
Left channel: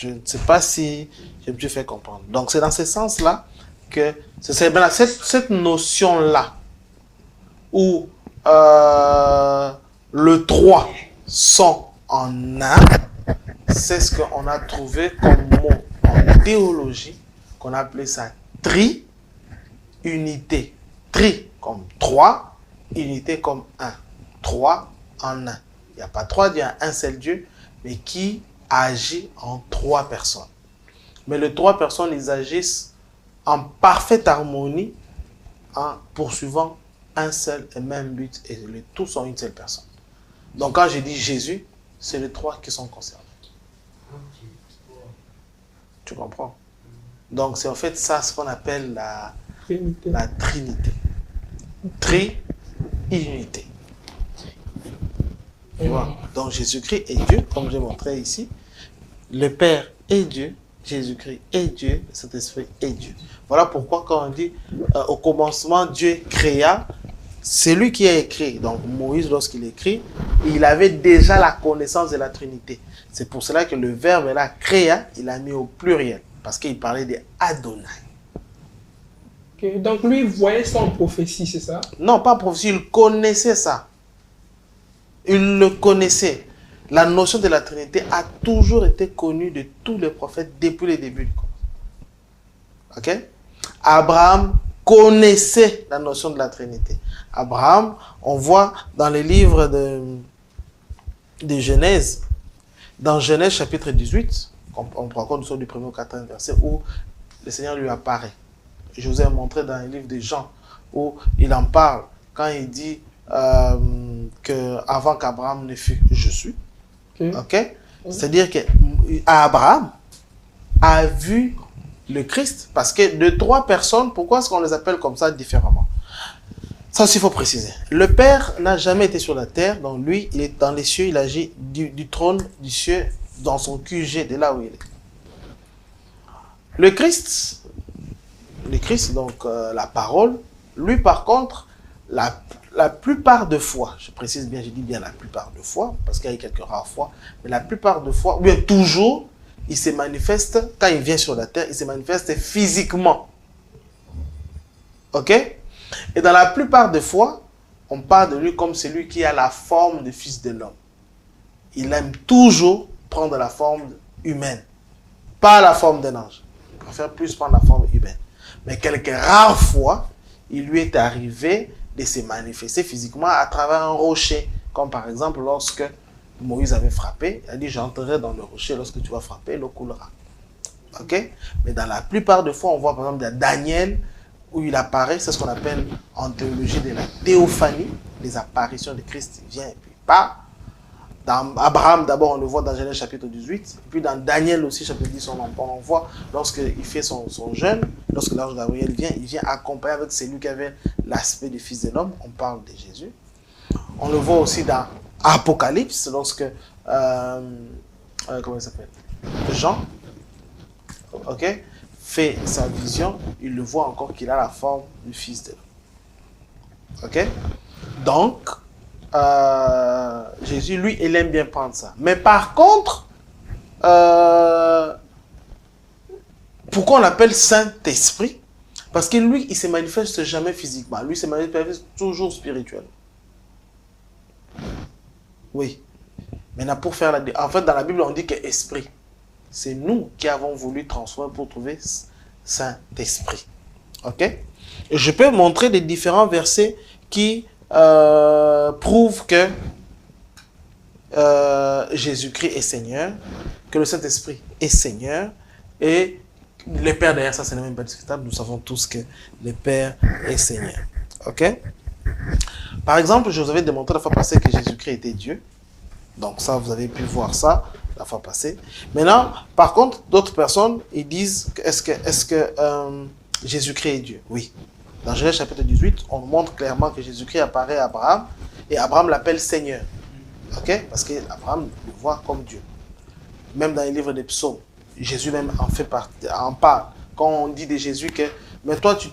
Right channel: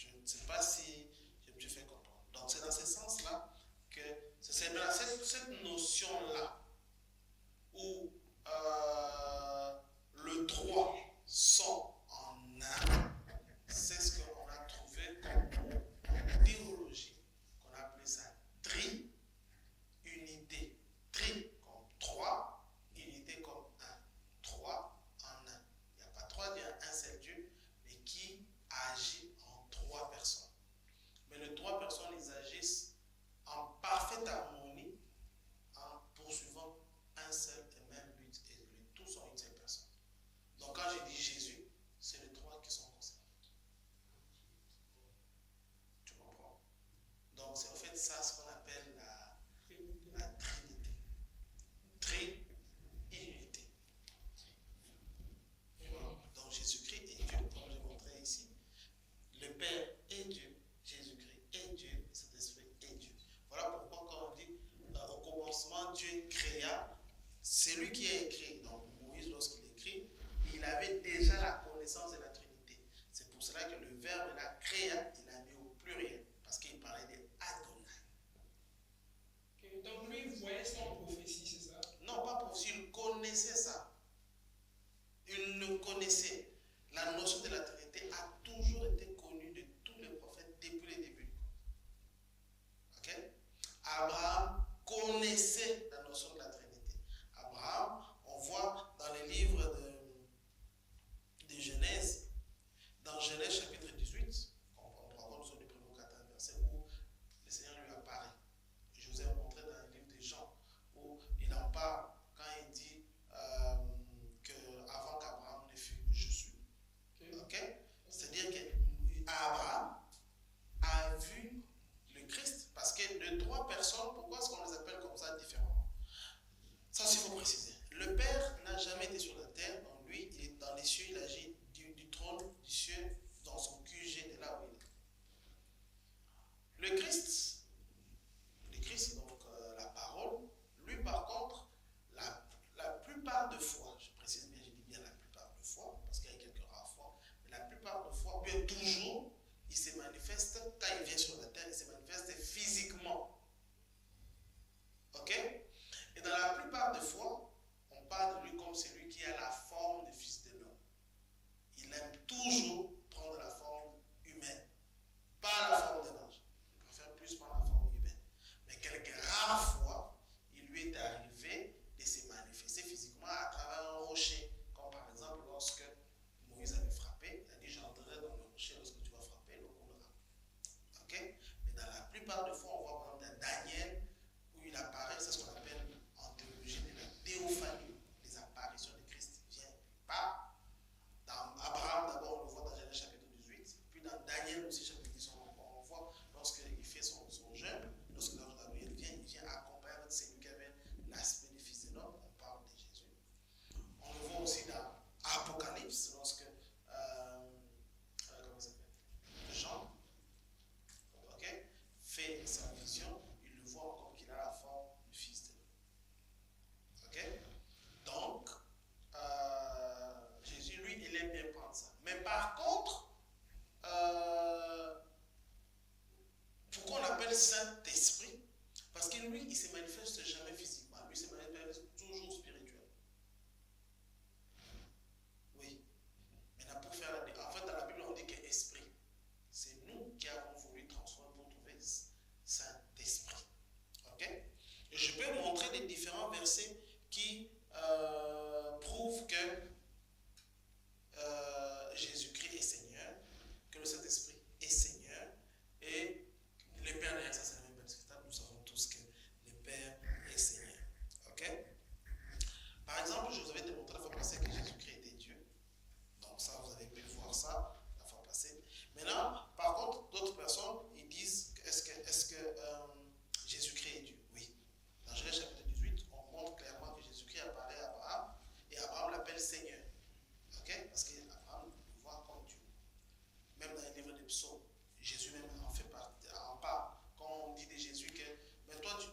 ne sais pas si je me suis fait comprendre. Donc, c'est dans ce sens-là que c'est cette notion-là où le trois sont en un, c'est ce qu'on a trouvé comme mot en théologie, qu'on a appelé ça tri-unité. Tri comme trois, unité comme un. Trois en un. Il n'y a pas trois dieux, il y a un seul Dieu, mais qui agit en trois personnes. Mais les trois personnes, ils agissent en parfaite harmonie en poursuivant un seul et même but, et les tous sont une seule personne. Donc quand je dis Jésus, c'est les trois qui sont concernés. Tu comprends? Donc c'est en fait ça ce qu'on appelle la Trinité. Tri-unité. Tu vois? Donc Jésus-Christ est Dieu, comme j'ai montré ici. Le Père est Dieu, Jésus-Christ est Dieu, le Saint-Esprit est Dieu. Voilà pourquoi quand on dit au commencement Dieu créa, c'est lui qui a écrit. Donc Moïse, lorsqu'il écrit, il avait déjà la connaissance de la Trinité. C'est pour cela que le verbe là, créa, il a mis au pluriel, parce qu'il parlait de Adonai. Ok, donc lui, il voyait ça en prophétie, c'est ça? Non, pas prophétie, il connaissait ça. Il le connaissait. La notion de la Trinité a toujours été connue de tous les prophètes depuis le début. Ok? Abraham connaissait la notion de la Trinité. Abraham, on voit dans les livres de Genèse, dans Genèse chapitre 18, on prend compte du 1er au 4e verset, où le Seigneur lui apparaît. Je vous ai montré dans le livre de Jean, où il en parle, quand il dit qu'avant qu'Abraham ne fût, je suis. Ok? C'est-à-dire qu'Abraham a vu le Christ, parce que de trois personnes, pourquoi est-ce qu'on les appelle comme ça différemment? Ça aussi, il faut préciser. Le Père n'a jamais été sur la terre, donc lui, il est dans les cieux, il agit du trône du ciel, dans son QG, de là où il est. Le Christ, donc la parole, lui par contre, la plupart de fois, je précise bien, je dis bien la plupart de fois, parce qu'il y a quelques rares fois, mais la plupart de fois, ou bien toujours, il se manifeste, quand il vient sur la terre, il se manifeste physiquement. Ok? Et dans la plupart des fois, on parle de lui comme celui qui a la forme de fils de l'homme. Il aime toujours prendre la forme humaine, pas la forme d'un ange. Il préfère plus prendre la forme humaine. Mais quelques rares fois, il lui est arrivé de se manifester physiquement à travers un rocher. Comme par exemple lorsque Moïse avait frappé, il a dit « J'entrerai dans le rocher, lorsque tu vas frapper, l'eau coulera. » Ok? Mais dans la plupart des fois, on voit par exemple Daniel, où il apparaît, c'est ce qu'on appelle en théologie de la théophanie, les apparitions de Christ, il vient et puis part. Dans Abraham, d'abord, on le voit dans Genèse chapitre 18, et puis dans Daniel aussi, chapitre 10, on voit lorsqu'il fait son jeûne, lorsque l'ange Gabriel vient, il vient accompagner avec celui qui avait l'aspect du Fils de l'homme, on parle de Jésus. On le voit aussi dans Apocalypse, lorsque, comment il s'appelle? Jean, ok, fait sa vision, il le voit encore qu'il a la forme du Fils de l'homme. Ok? Donc, Jésus, lui, il aime bien prendre ça. Mais par contre, pourquoi on l'appelle Saint-Esprit? Parce que lui, il ne se manifeste jamais physiquement. Lui, il se manifeste toujours spirituellement. Oui. Maintenant, pour faire en fait, dans la Bible, on dit que esprit. C'est nous qui avons voulu transformer pour trouver Saint-Esprit. Ok? Et je peux montrer des différents versets qui prouvent que Jésus-Christ est Seigneur, que le Saint-Esprit est Seigneur, et le Père derrière ça, ce n'est même pas discutable. Nous savons tous que le Père est Seigneur. Ok? Par exemple, je vous avais démontré la fois passée que Jésus-Christ était Dieu. Donc ça, vous avez pu voir ça la fois passée. Maintenant, par contre, d'autres personnes, ils disent, est-ce que Jésus-Christ est Dieu? Oui. Dans Genèse chapitre 18, on montre clairement que Jésus-Christ apparaît à Abraham, et Abraham l'appelle Seigneur. Ok? Parce qu'Abraham le voit comme Dieu. Même dans les livres des psaumes, Jésus même en parle. Quand on dit de Jésus que, mais toi, tu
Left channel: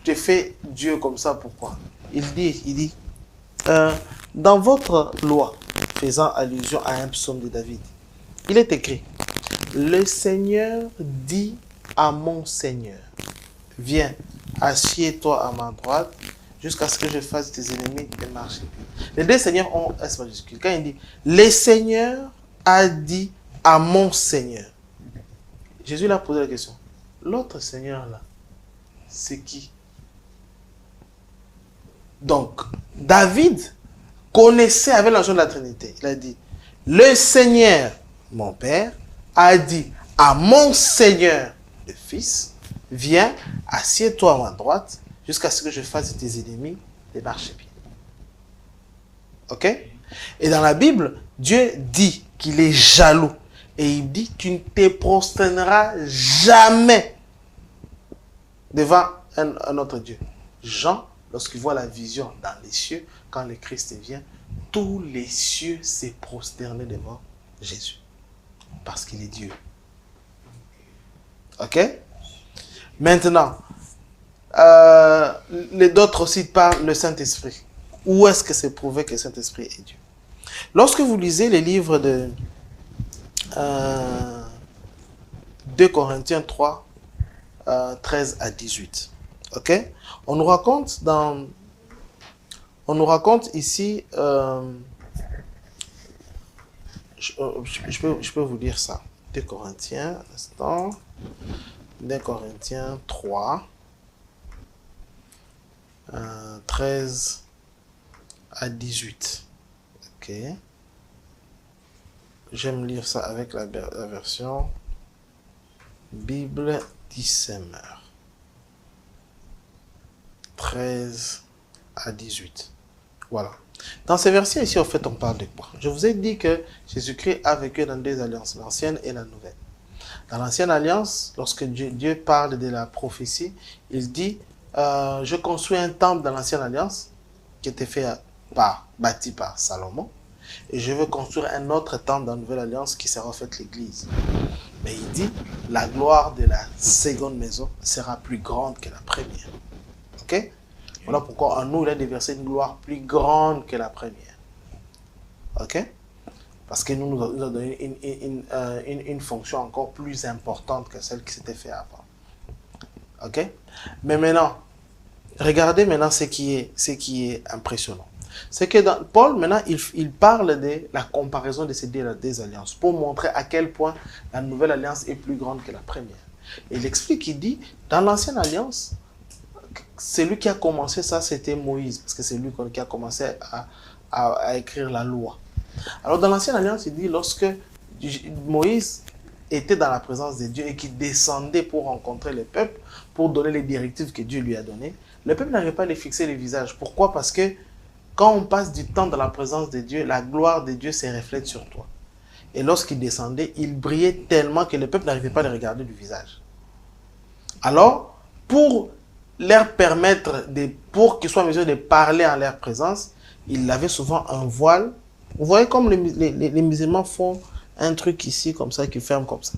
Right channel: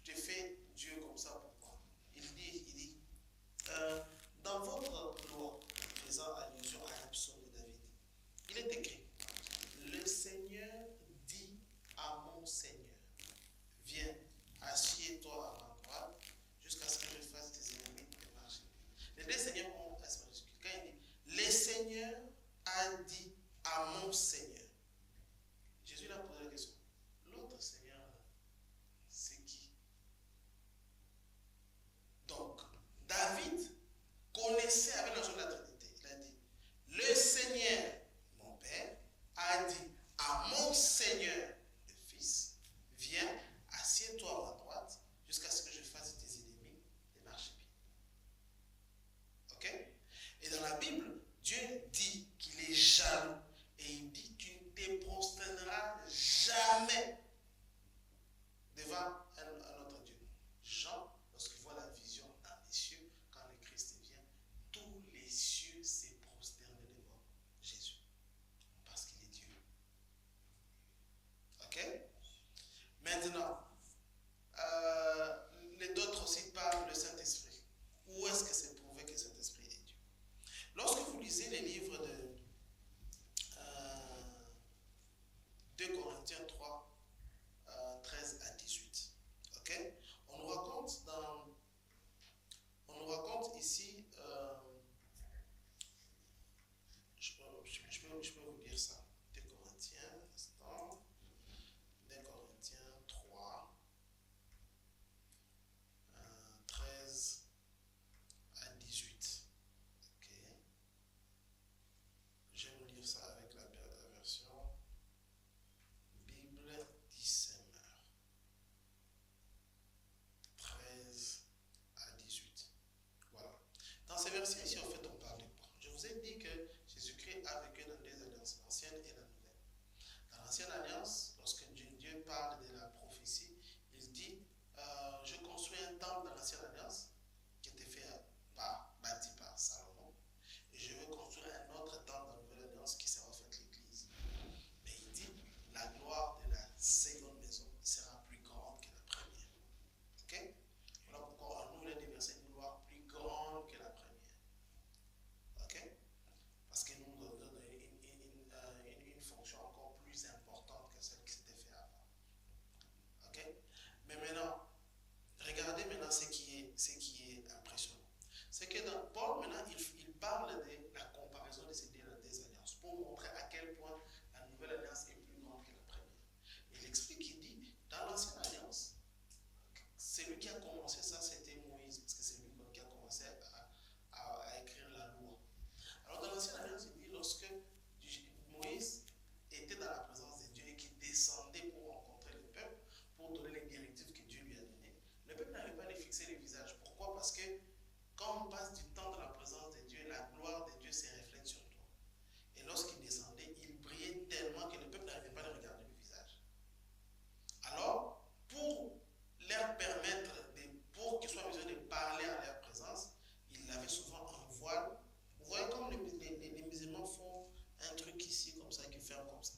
te fais Dieu comme ça, pourquoi? Il dit, dans votre loi, faisant allusion à un psaume de David, il est écrit, le Seigneur dit à mon Seigneur, viens, assieds-toi à ma droite, jusqu'à ce que je fasse tes ennemis des marches. Les deux seigneurs ont S majuscule. Quand il dit, le Seigneur a dit à mon Seigneur, Jésus lui a posé la question, l'autre Seigneur là, c'est qui? Donc, David connaissait avec la notion de la Trinité. Il a dit, le Seigneur, mon Père, a dit à mon Seigneur, le Fils, viens, assieds-toi à ma droite, jusqu'à ce que je fasse de tes ennemis des marchepieds. Ok? Et dans la Bible, Dieu dit qu'il est jaloux. Et il dit, tu ne te prosterneras jamais devant un autre Dieu. Jean, lorsqu'il voit la vision dans les cieux, quand le Christ vient, tous les cieux s'est prosterné devant Jésus. Parce qu'il est Dieu. Ok? Maintenant, d'autres aussi parlent le Saint-Esprit. Où est-ce que c'est prouvé que le Saint-Esprit est Dieu? Lorsque vous lisez les livres de 2 Corinthiens 3, 13 à 18, ok? On nous raconte ici, je peux vous lire ça. 2 Corinthiens, un instant. 2 Corinthiens 3, 13 à 18. Ok. J'aime lire ça avec la version Bible Dissemer. 13 à 18. Voilà. Dans ces versets ici, en fait, on parle de quoi? Je vous ai dit que Jésus-Christ a vécu dans 2 alliances, l'ancienne et la nouvelle. Dans l'ancienne alliance, lorsque Dieu parle de la prophétie, il dit je construis un temple dans l'ancienne alliance qui était bâti par Salomon, et je veux construire un autre temple dans la nouvelle alliance qui sera en fait l'église. Mais il dit la gloire de la seconde maison sera plus grande que la première. Ok? Voilà pourquoi en nous il a déversé une gloire plus grande que la première. Ok? Parce que nous a donné une fonction encore plus importante que celle qui s'était faite avant. Ok? Mais maintenant, regardez maintenant ce qui est impressionnant. C'est que Paul, maintenant, il parle de la comparaison de ces deux alliances pour montrer à quel point la nouvelle alliance est plus grande que la première. Et il explique, il dit, dans l'ancienne alliance, celui qui a commencé ça, c'était Moïse, parce que c'est lui qui a commencé à écrire la loi. Alors dans l'ancienne alliance, il dit, lorsque Moïse était dans la présence de Dieu et qu'il descendait pour rencontrer le peuple, pour donner les directives que Dieu lui a données, le peuple n'arrivait pas à les fixer les visages. Pourquoi? Parce que quand on passe du temps dans la présence de Dieu, la gloire de Dieu se reflète sur toi. Et lorsqu'il descendait, il brillait tellement que le peuple n'arrivait pas à le regarder du visage. Alors, pour leur permettre, pour qu'ils soient en mesure de parler en leur présence, il avait souvent un voile. Vous voyez comme les musulmans font un truc ici, comme ça, qui ferme comme ça.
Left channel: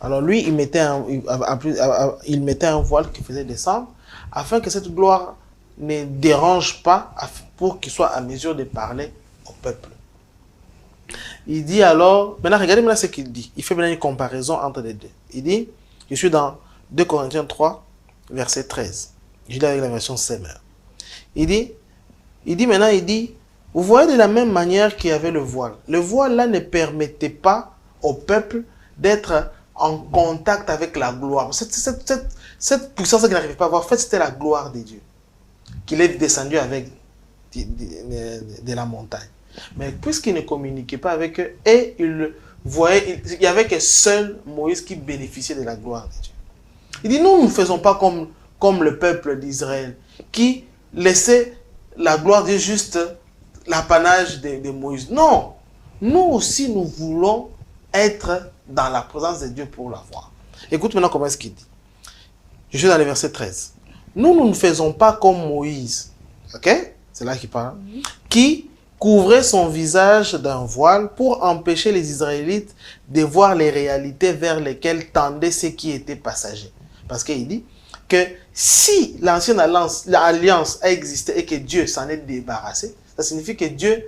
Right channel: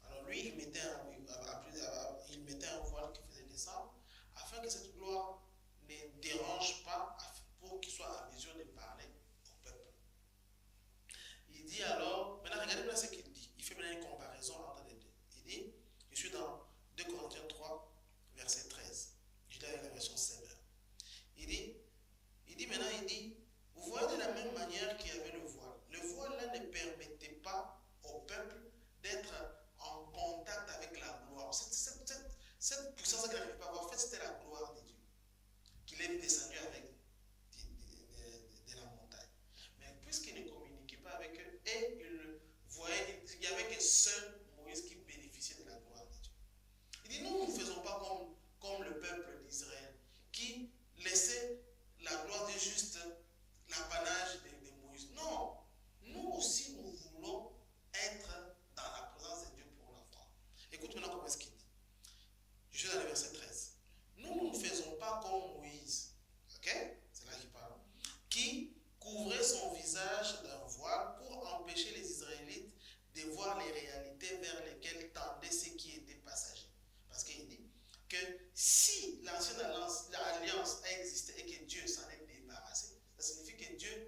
Alors lui, il mettait un voile qui faisait descendre, afin que cette gloire ne dérange pas, pour qu'il soit à mesure de parler au peuple. Il dit alors, maintenant regardez maintenant ce qu'il dit. Il fait maintenant une comparaison entre les deux. Il dit, je suis dans 2 Corinthiens 3, verset 13. Je lis avec la version Semer. Il dit maintenant, vous voyez de la même manière qu'il y avait le voile. Le voile là ne permettait pas au peuple d'être en contact avec la gloire. Cette puissance qu'il n'arrivait pas à voir, en fait, c'était la gloire de Dieu qu'il est descendu avec de la montagne. Mais puisqu'il ne communiquait pas avec eux, et il n'y avait que seul Moïse qui bénéficiait de la gloire de Dieu. Il dit, nous ne faisons pas comme le peuple d'Israël, qui laissait la gloire de Dieu juste l'apanage de Moïse. Non, nous aussi nous voulons être dans la présence de Dieu pour la voir. Écoute maintenant comment est-ce qu'il dit. Je suis dans le verset 13. Nous ne faisons pas comme Moïse, ok? C'est là qu'il parle, qui couvrait son visage d'un voile pour empêcher les Israélites de voir les réalités vers lesquelles tendaient ceux qui étaient passagers. Parce qu'il dit que si l'ancienne alliance a existé et que Dieu s'en est débarrassé, ça signifie que Dieu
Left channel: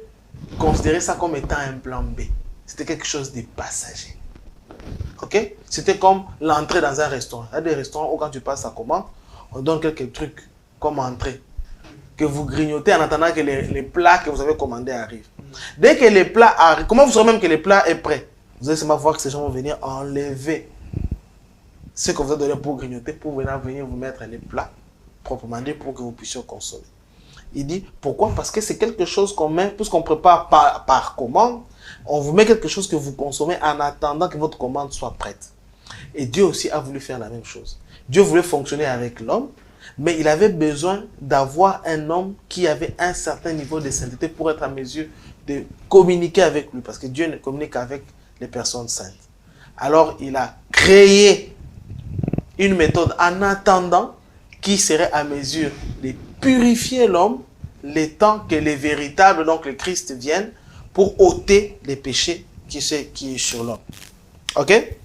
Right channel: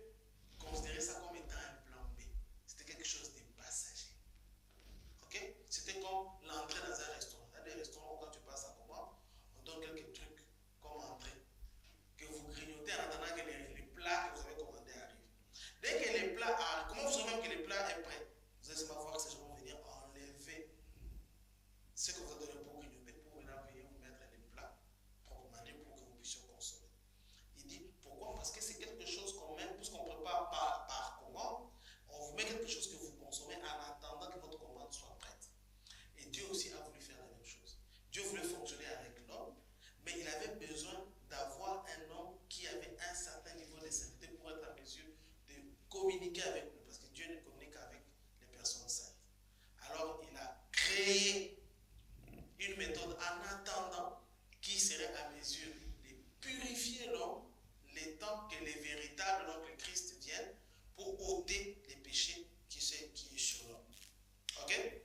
considérait ça comme étant un plan B. C'était quelque chose de passager. Ok? C'était comme l'entrée dans un restaurant. Il y a des restaurants où quand tu passes ta commande, on donne quelques trucs comme entrée que vous grignotez en attendant que les plats que vous avez commandés arrivent. Dès que les plats arrivent, comment vous saurez même que le plat est prêt? Vous allez seulement voir que ces gens vont venir enlever ce que vous avez donné pour grignoter, pour venir vous mettre les plats proprement dit pour que vous puissiez consommer. Il dit, pourquoi? Parce que c'est quelque chose qu'on met, puisqu'on prépare par commande, on vous met quelque chose que vous consommez en attendant que votre commande soit prête. Et Dieu aussi a voulu faire la même chose. Dieu voulait fonctionner avec l'homme, mais il avait besoin d'avoir un homme qui avait un certain niveau de sainteté pour être en mesure de communiquer avec lui, parce que Dieu ne communique qu'avec les personnes saintes. Alors, il a créé une méthode en attendant qui serait à mesure de purifier l'homme, le temps que les véritables, donc le Christ, viennent pour ôter les péchés qui est sur l'homme. Ok?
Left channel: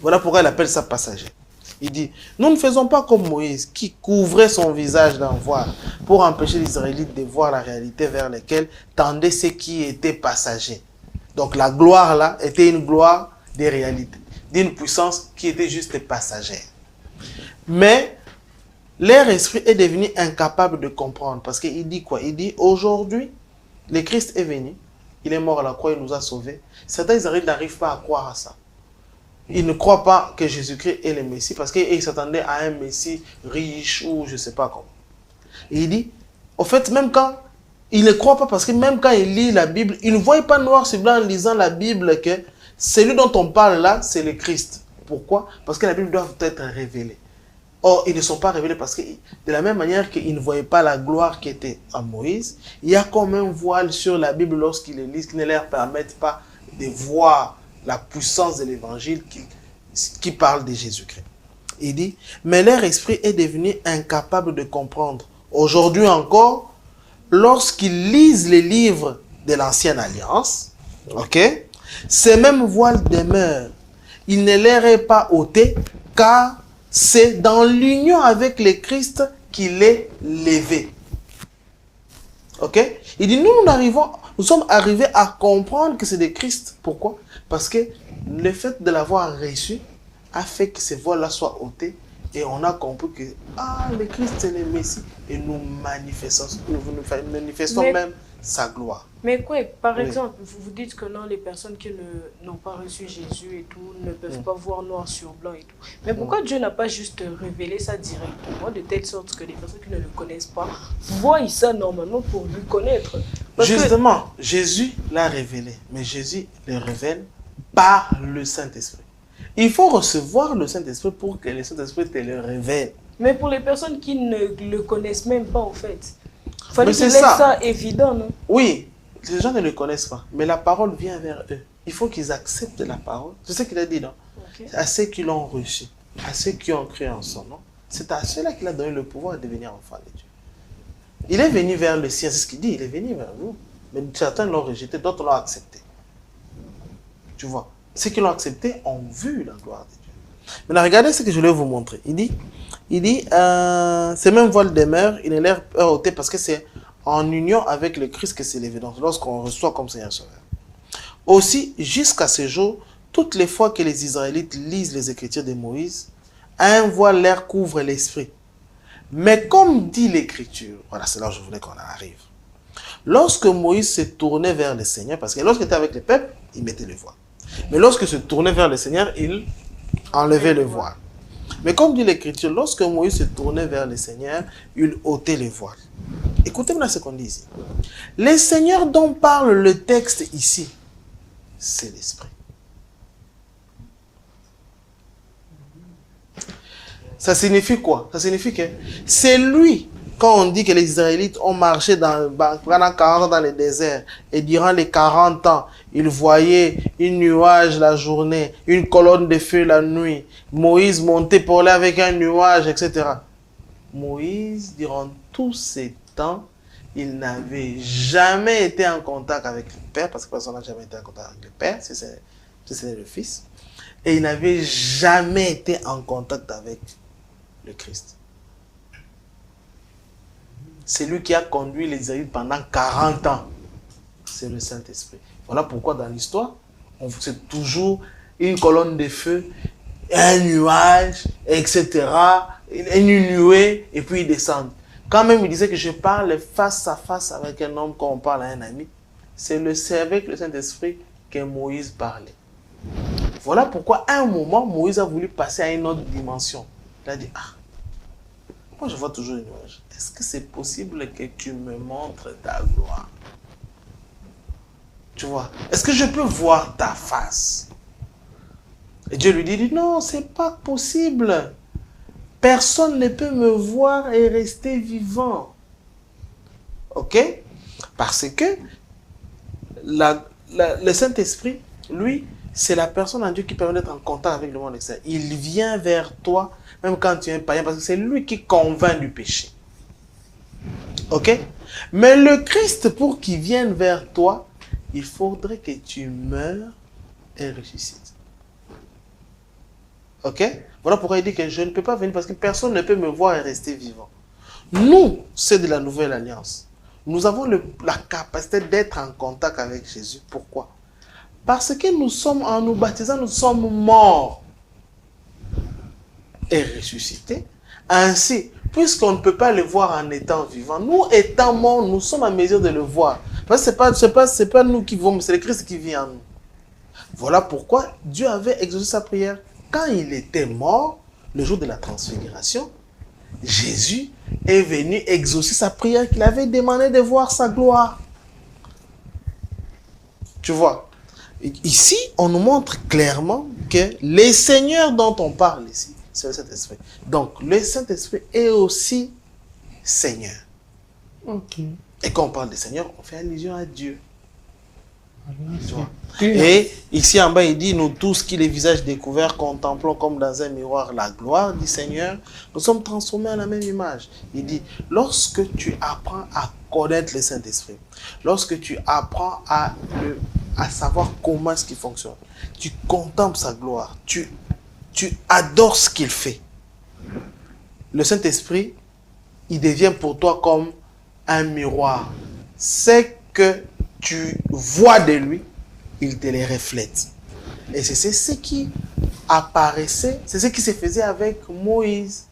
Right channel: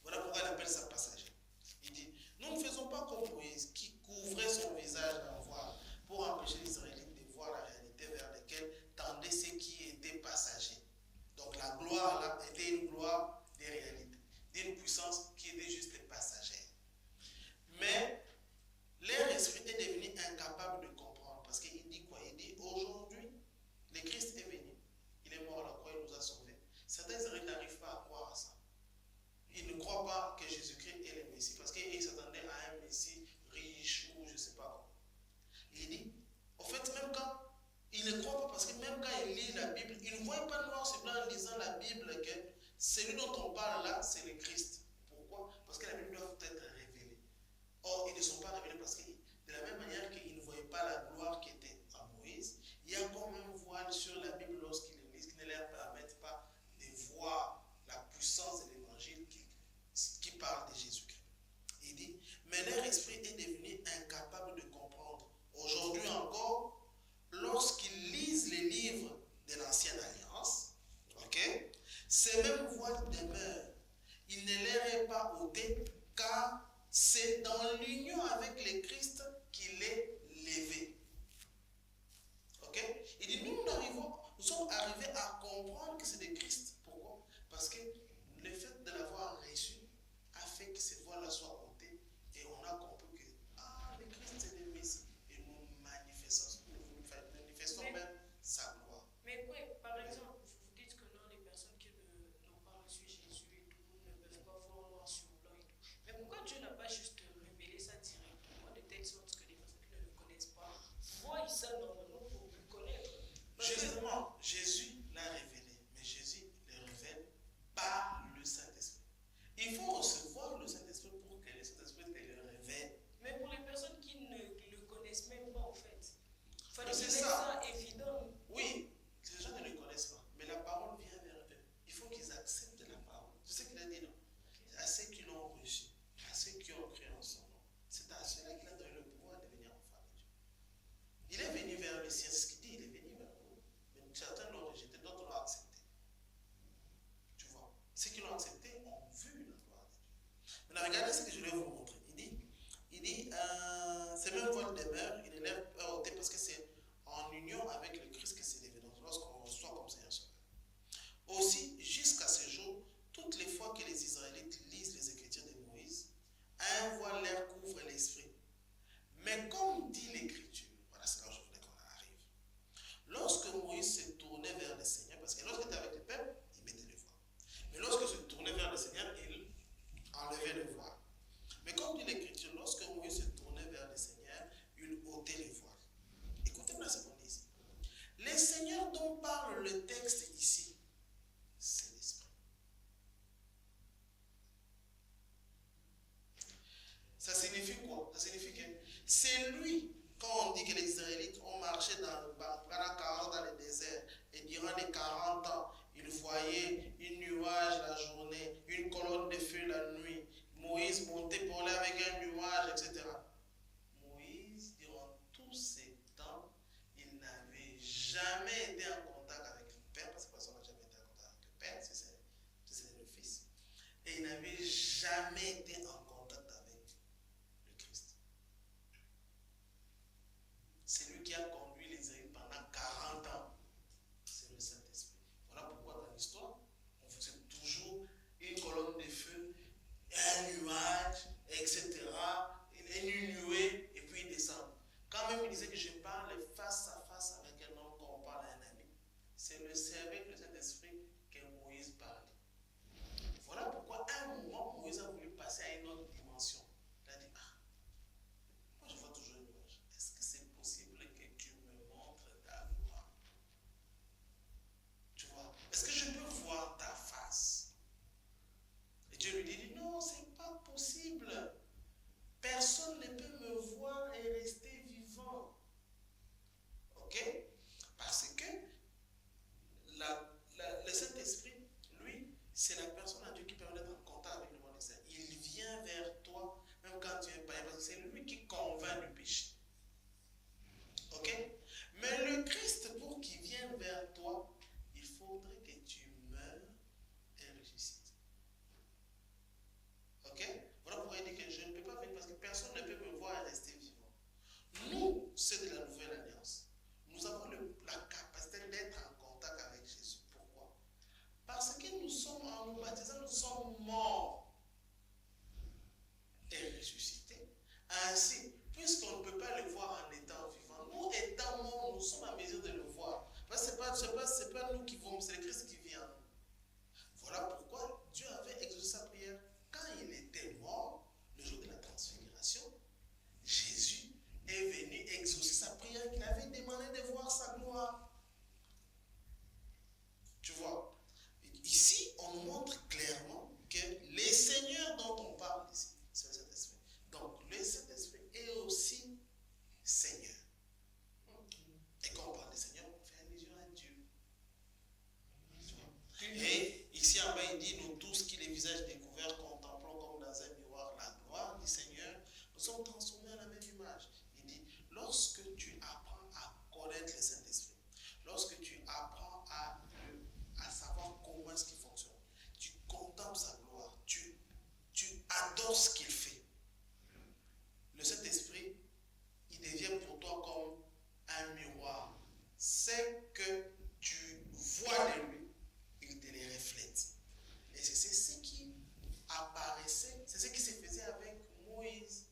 Voilà pourquoi il appelle ça passager. Il dit, nous ne faisons pas comme Moïse, qui couvrait son visage d'un voile pour empêcher les Israélites de voir la réalité vers laquelle tendaient ceux qui étaient passagers. Donc la gloire là était une gloire des réalités, d'une puissance qui était juste passagère. Mais leur esprit est devenu incapable de comprendre. Parce qu'il dit quoi? Il dit, aujourd'hui, le Christ est venu, il est mort à la croix, il nous a sauvés. Certains Israélites n'arrivent pas à croire à ça. Ils ne croient pas que Jésus-Christ est le Messie parce qu'ils s'attendaient à un Messie riche ou je ne sais pas comment. Et il dit, au fait, même quand ils ne croient pas, parce que même quand ils lisent la Bible, ils ne voient pas noir sur blanc en lisant la Bible que celui dont on parle là, c'est le Christ. Pourquoi? Parce que la Bible doit être révélée. Or, ils ne sont pas révélés parce que de la même manière qu'ils ne voyaient pas la gloire qui était à Moïse, il y a comme un voile sur la Bible lorsqu'ils les lisent qui ne leur permettent pas de voir la puissance de l'évangile qui parle de Jésus-Christ. Il dit, mais leur esprit est devenu incapable de comprendre. Aujourd'hui encore, lorsqu'ils lisent les livres de l'Ancienne Alliance, ok, ces mêmes voiles demeurent. Il ne leur est pas ôté, car c'est dans l'union avec le Christ qu'il est levé. Ok? Il dit, nous sommes arrivés à comprendre que c'est de Christ. Pourquoi? Parce que le fait de l'avoir reçu a fait que ces voiles-là soient ôtés et on a compris que le Christ c'est le Messie et nous manifestons même sa gloire. Mais quoi, par exemple, vous dites que non, les personnes qui n'ont pas reçu Jésus et tout ne peuvent pas voir noir sur blanc et tout. Mais pourquoi Dieu n'a pas juste révélé ça directement de telle sorte que les personnes qui ne le connaissent pas voient ça normalement pour lui connaître? Justement, Jésus l'a révélé, mais Jésus le révèle par le Saint-Esprit. Il faut recevoir le Saint-Esprit pour que le Saint-Esprit te le révèle. Mais pour les personnes qui ne le connaissent même pas, en fait, il fallait qu'ils laissent ça évident, non? Oui, les gens ne le connaissent pas, mais la parole vient vers eux. Il faut qu'ils acceptent la parole. C'est ce qu'il a dit, non? Okay. À ceux qui l'ont reçu, à ceux qui ont cru en son nom, c'est à ceux-là qu'il a donné le pouvoir de devenir enfant de Dieu. Il est venu vers le sien, c'est ce qu'il dit, il est venu vers nous. Mais certains l'ont rejeté, d'autres l'ont accepté. Tu vois, ceux qui l'ont accepté ont vu la gloire de Dieu. Maintenant, regardez ce que je vais vous montrer. Il dit ces mêmes voiles demeurent, il est l'air ôté parce que c'est en union avec le Christ que c'est l'évidence, lorsqu'on reçoit comme Seigneur Sauveur. Aussi, jusqu'à ce jour, toutes les fois que les Israélites lisent les Écritures de Moïse, un voile leur couvre l'esprit. Mais comme dit l'Écriture, voilà, c'est là où je voulais qu'on en arrive. Lorsque Moïse se tournait vers le Seigneur, parce que lorsqu'il était avec le peuple, il mettait le voile. Mais lorsqu'il se tournait vers le Seigneur, il enlevait le voile. Mais comme dit l'Écriture, lorsque Moïse se tournait vers le Seigneur, il ôtait le voile. Écoutez-moi ce qu'on dit ici. Le Seigneur dont parle le texte ici, c'est l'Esprit. Ça signifie quoi? Ça signifie que c'est lui, quand on dit que les Israélites ont marché pendant 40 ans dans le désert, et durant les 40 ans, ils voyaient un nuage la journée, une colonne de feu la nuit, Moïse montait pour aller avec un nuage, etc. Moïse, durant tous ces temps, il n'avait jamais été en contact avec le Père, parce que personne n'a jamais été en contact avec le Père, si c'est le Fils, et il n'avait jamais été en contact avec le Christ. C'est lui qui a conduit les Israélites pendant 40 ans. C'est le Saint-Esprit. Voilà pourquoi dans l'histoire, c'est toujours une colonne de feu, un nuage, etc., une nuée, et puis ils descendent. Quand même, il disait que je parle face à face avec un homme quand on parle à un ami. C'est avec le Saint-Esprit que Moïse parlait. Voilà pourquoi, à un moment, Moïse a voulu passer à une autre dimension. Il a dit, moi je vois toujours une nuage. Est-ce que c'est possible que tu me montres ta gloire? Tu vois, est-ce que je peux voir ta face? Et Dieu lui dit, non, c'est pas possible. Personne ne peut me voir et rester vivant. Ok? Parce que le Saint-Esprit, lui, c'est la personne en Dieu qui permet d'être en contact avec le monde extérieur. Il vient vers toi, même quand tu es un païen, parce que c'est lui qui convainc du péché. Ok? Mais le Christ, pour qu'il vienne vers toi, il faudrait que tu meurs et ressuscites. Ok? Voilà pourquoi il dit que je ne peux pas venir parce que personne ne peut me voir et rester vivant. Nous, c'est de la nouvelle alliance. Nous avons la capacité d'être en contact avec Jésus. Pourquoi? Parce que nous sommes, en nous baptisant, nous sommes morts et ressuscités. Ainsi, puisqu'on ne peut pas le voir en étant vivant, nous étant morts, nous sommes en mesure de le voir. Parce que ce n'est pas nous qui vivons, c'est le Christ qui vit en nous. Voilà pourquoi Dieu avait exaucé sa prière. Quand il était mort, le jour de la transfiguration, Jésus est venu exaucer sa prière qu'il avait demandé de voir sa gloire. Tu vois, ici, on nous montre clairement que les seigneurs dont on parle ici, c'est le Saint-Esprit. Donc, le Saint-Esprit est aussi Seigneur. Ok. Et quand on parle de Seigneur, on fait allusion à Dieu. Tu vois. Et Et ici en bas, il dit, nous tous qui les visages découverts contemplons comme dans un miroir la gloire du Seigneur, nous sommes transformés en la même image. Il dit, lorsque tu apprends à connaître le Saint-Esprit, lorsque tu apprends à savoir comment est-ce qu'il fonctionne, tu contemples sa gloire, tu adores ce qu'il fait. Le Saint-Esprit, il devient pour toi comme un miroir. C'est que tu vois de lui, il te les reflète. Et c'est ce qui apparaissait, c'est ce qui se faisait avec Moïse.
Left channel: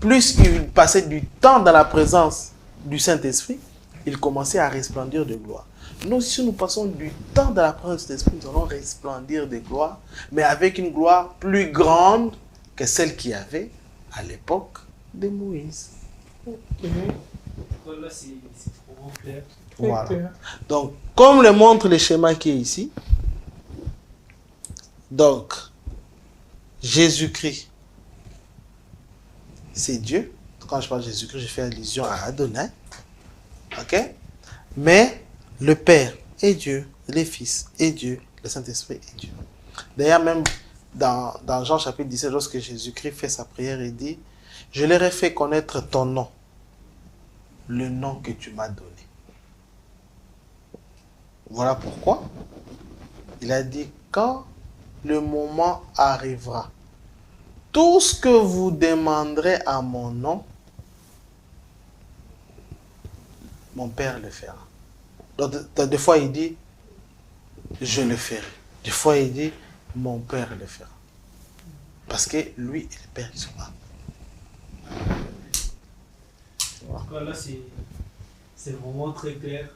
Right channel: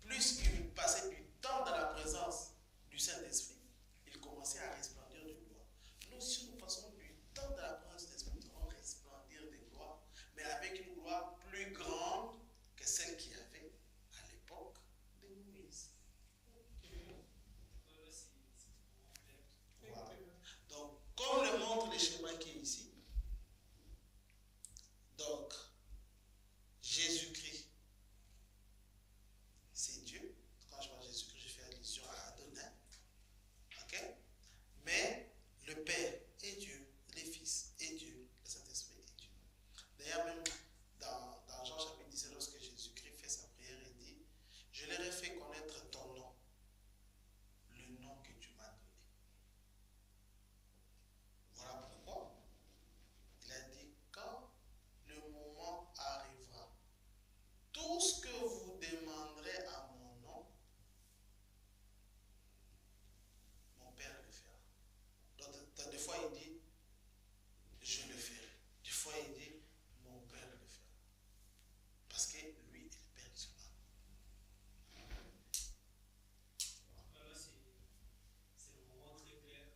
Plus il passait du temps dans la présence du Saint-Esprit, il commençait à resplendir de gloire. Nous, si nous passons du temps dans la présence de l'Esprit, nous allons resplendir de gloire, mais avec une gloire plus grande que celle qu'il y avait à l'époque de Moïse. Là, c'est vraiment clair. Voilà. Donc, comme le montre le schéma qui est ici, donc, Jésus-Christ, c'est Dieu. Quand je parle de Jésus-Christ, je fais allusion à Adonai. Ok? Mais le Père est Dieu, le Fils est Dieu, le Saint-Esprit est Dieu. D'ailleurs, même dans Jean chapitre 17, lorsque Jésus-Christ fait sa prière, il dit, je leur ai fait connaître ton nom, le nom que tu m'as donné. Voilà pourquoi il a dit, quand le moment arrivera, tout ce que vous demanderez à mon nom, mon Père le fera. Donc, des fois, il dit, je le ferai. Des fois, il dit, mon Père le fera. Parce que lui et le Père, ils sont là. Là, c'est vraiment très clair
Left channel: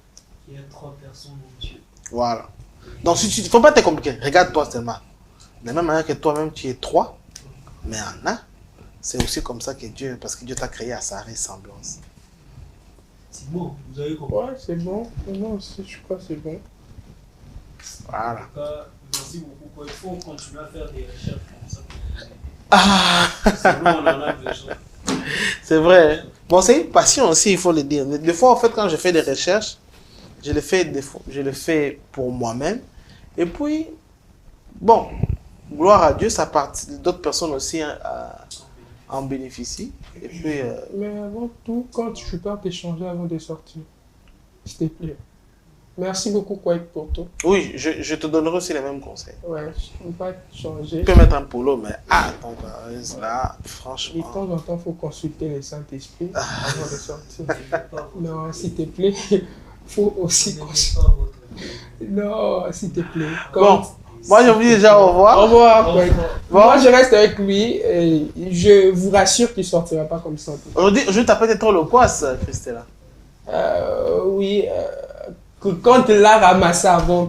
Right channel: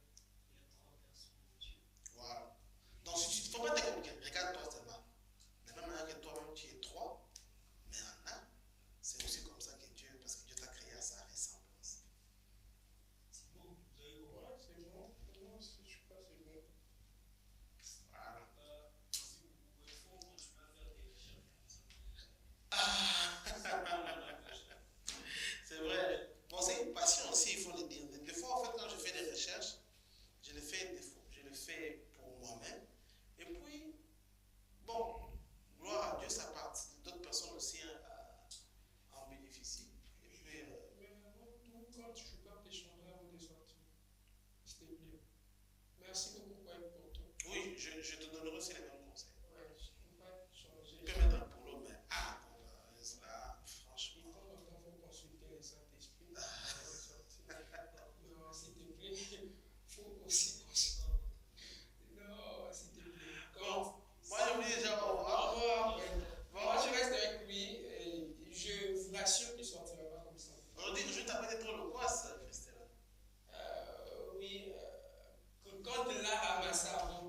qu'il y a 3 personnes en Dieu. Voilà. Donc, il ne faut pas te compliquer. Regarde-toi seulement. De la même manière que toi-même, tu es 3, mais en un, c'est aussi comme ça que Dieu, parce que Dieu t'a créé à sa ressemblance. C'est bon, vous avez compris. ouais, c'est bon. Moi aussi, je crois que c'est bon. Voilà. En tout cas, merci beaucoup. Il faut continuer à faire des recherches comme ça. Ah, Sinon, on en a besoin. c'est vrai. Bon, c'est une passion aussi, il faut le dire. Des fois, en fait, quand je fais des recherches, je le fais pour moi-même. Et puis, bon, gloire à Dieu, ça partit. D'autres personnes aussi en bénéficient. Et puis, Mais avant tout, quand tu pars t'échanger avant de sortir, s'il te plaît. Merci beaucoup, Kwek, pour tout. oui, je te donnerai aussi les mêmes conseils. Ouais, je ne peux pas changer. Tu peux mettre un polo, mais attends, là, De franchement. temps en temps, il faut consulter le Saint-Esprit avant de sortir. N'aimez pas votre- Non, s'il te plaît, il faut aussi n'aimez consulter. pas votre- Non, s'il te plaît. Bon, moi, je vous dis déjà au Au revoir. revoir, Kwek. Bon. Moi, je reste avec lui et je vous rassure qu'il ne sortira pas comme ça. Aujourd'hui, je t'appelle trop le poisse, Christella. Oui, quand l'a ramassé avant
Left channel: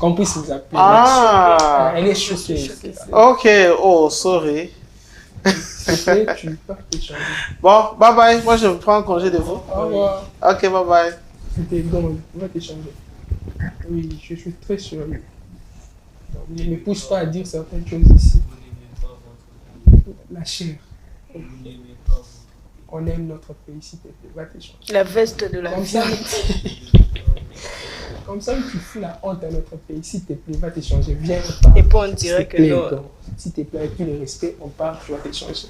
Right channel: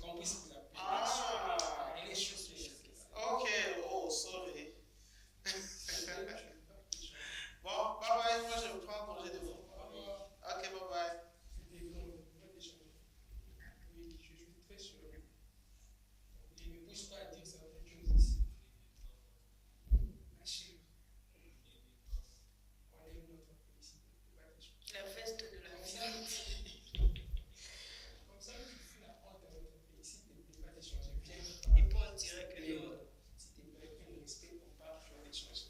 qu'on puisse vous appeler. Ah, Elle est choquée. ok, oh, sorry. S'il te plaît, tu peux t'échanger. Bon, bye bye. Moi, je prends congé de vous. Au revoir. Ok, bye bye. C'était bon, on va t'échanger. Oui, je suis très sûr. Ne me pousse pas à dire certaines choses ici. Vous n'aimez pas votre- La chair, vous n'aimez pas votre- on aime notre pays, s'il te plaît, va t'échanger. La veste de la Comme ça, vie. comme ça, tu fous la honte à notre pays, s'il te plaît, va t'échanger. Viens, on Et parle. puis on dirait S'il te que plaît, non. donc, s'il te plaît, avec tout le respect, on parle, tu vas t'échanger.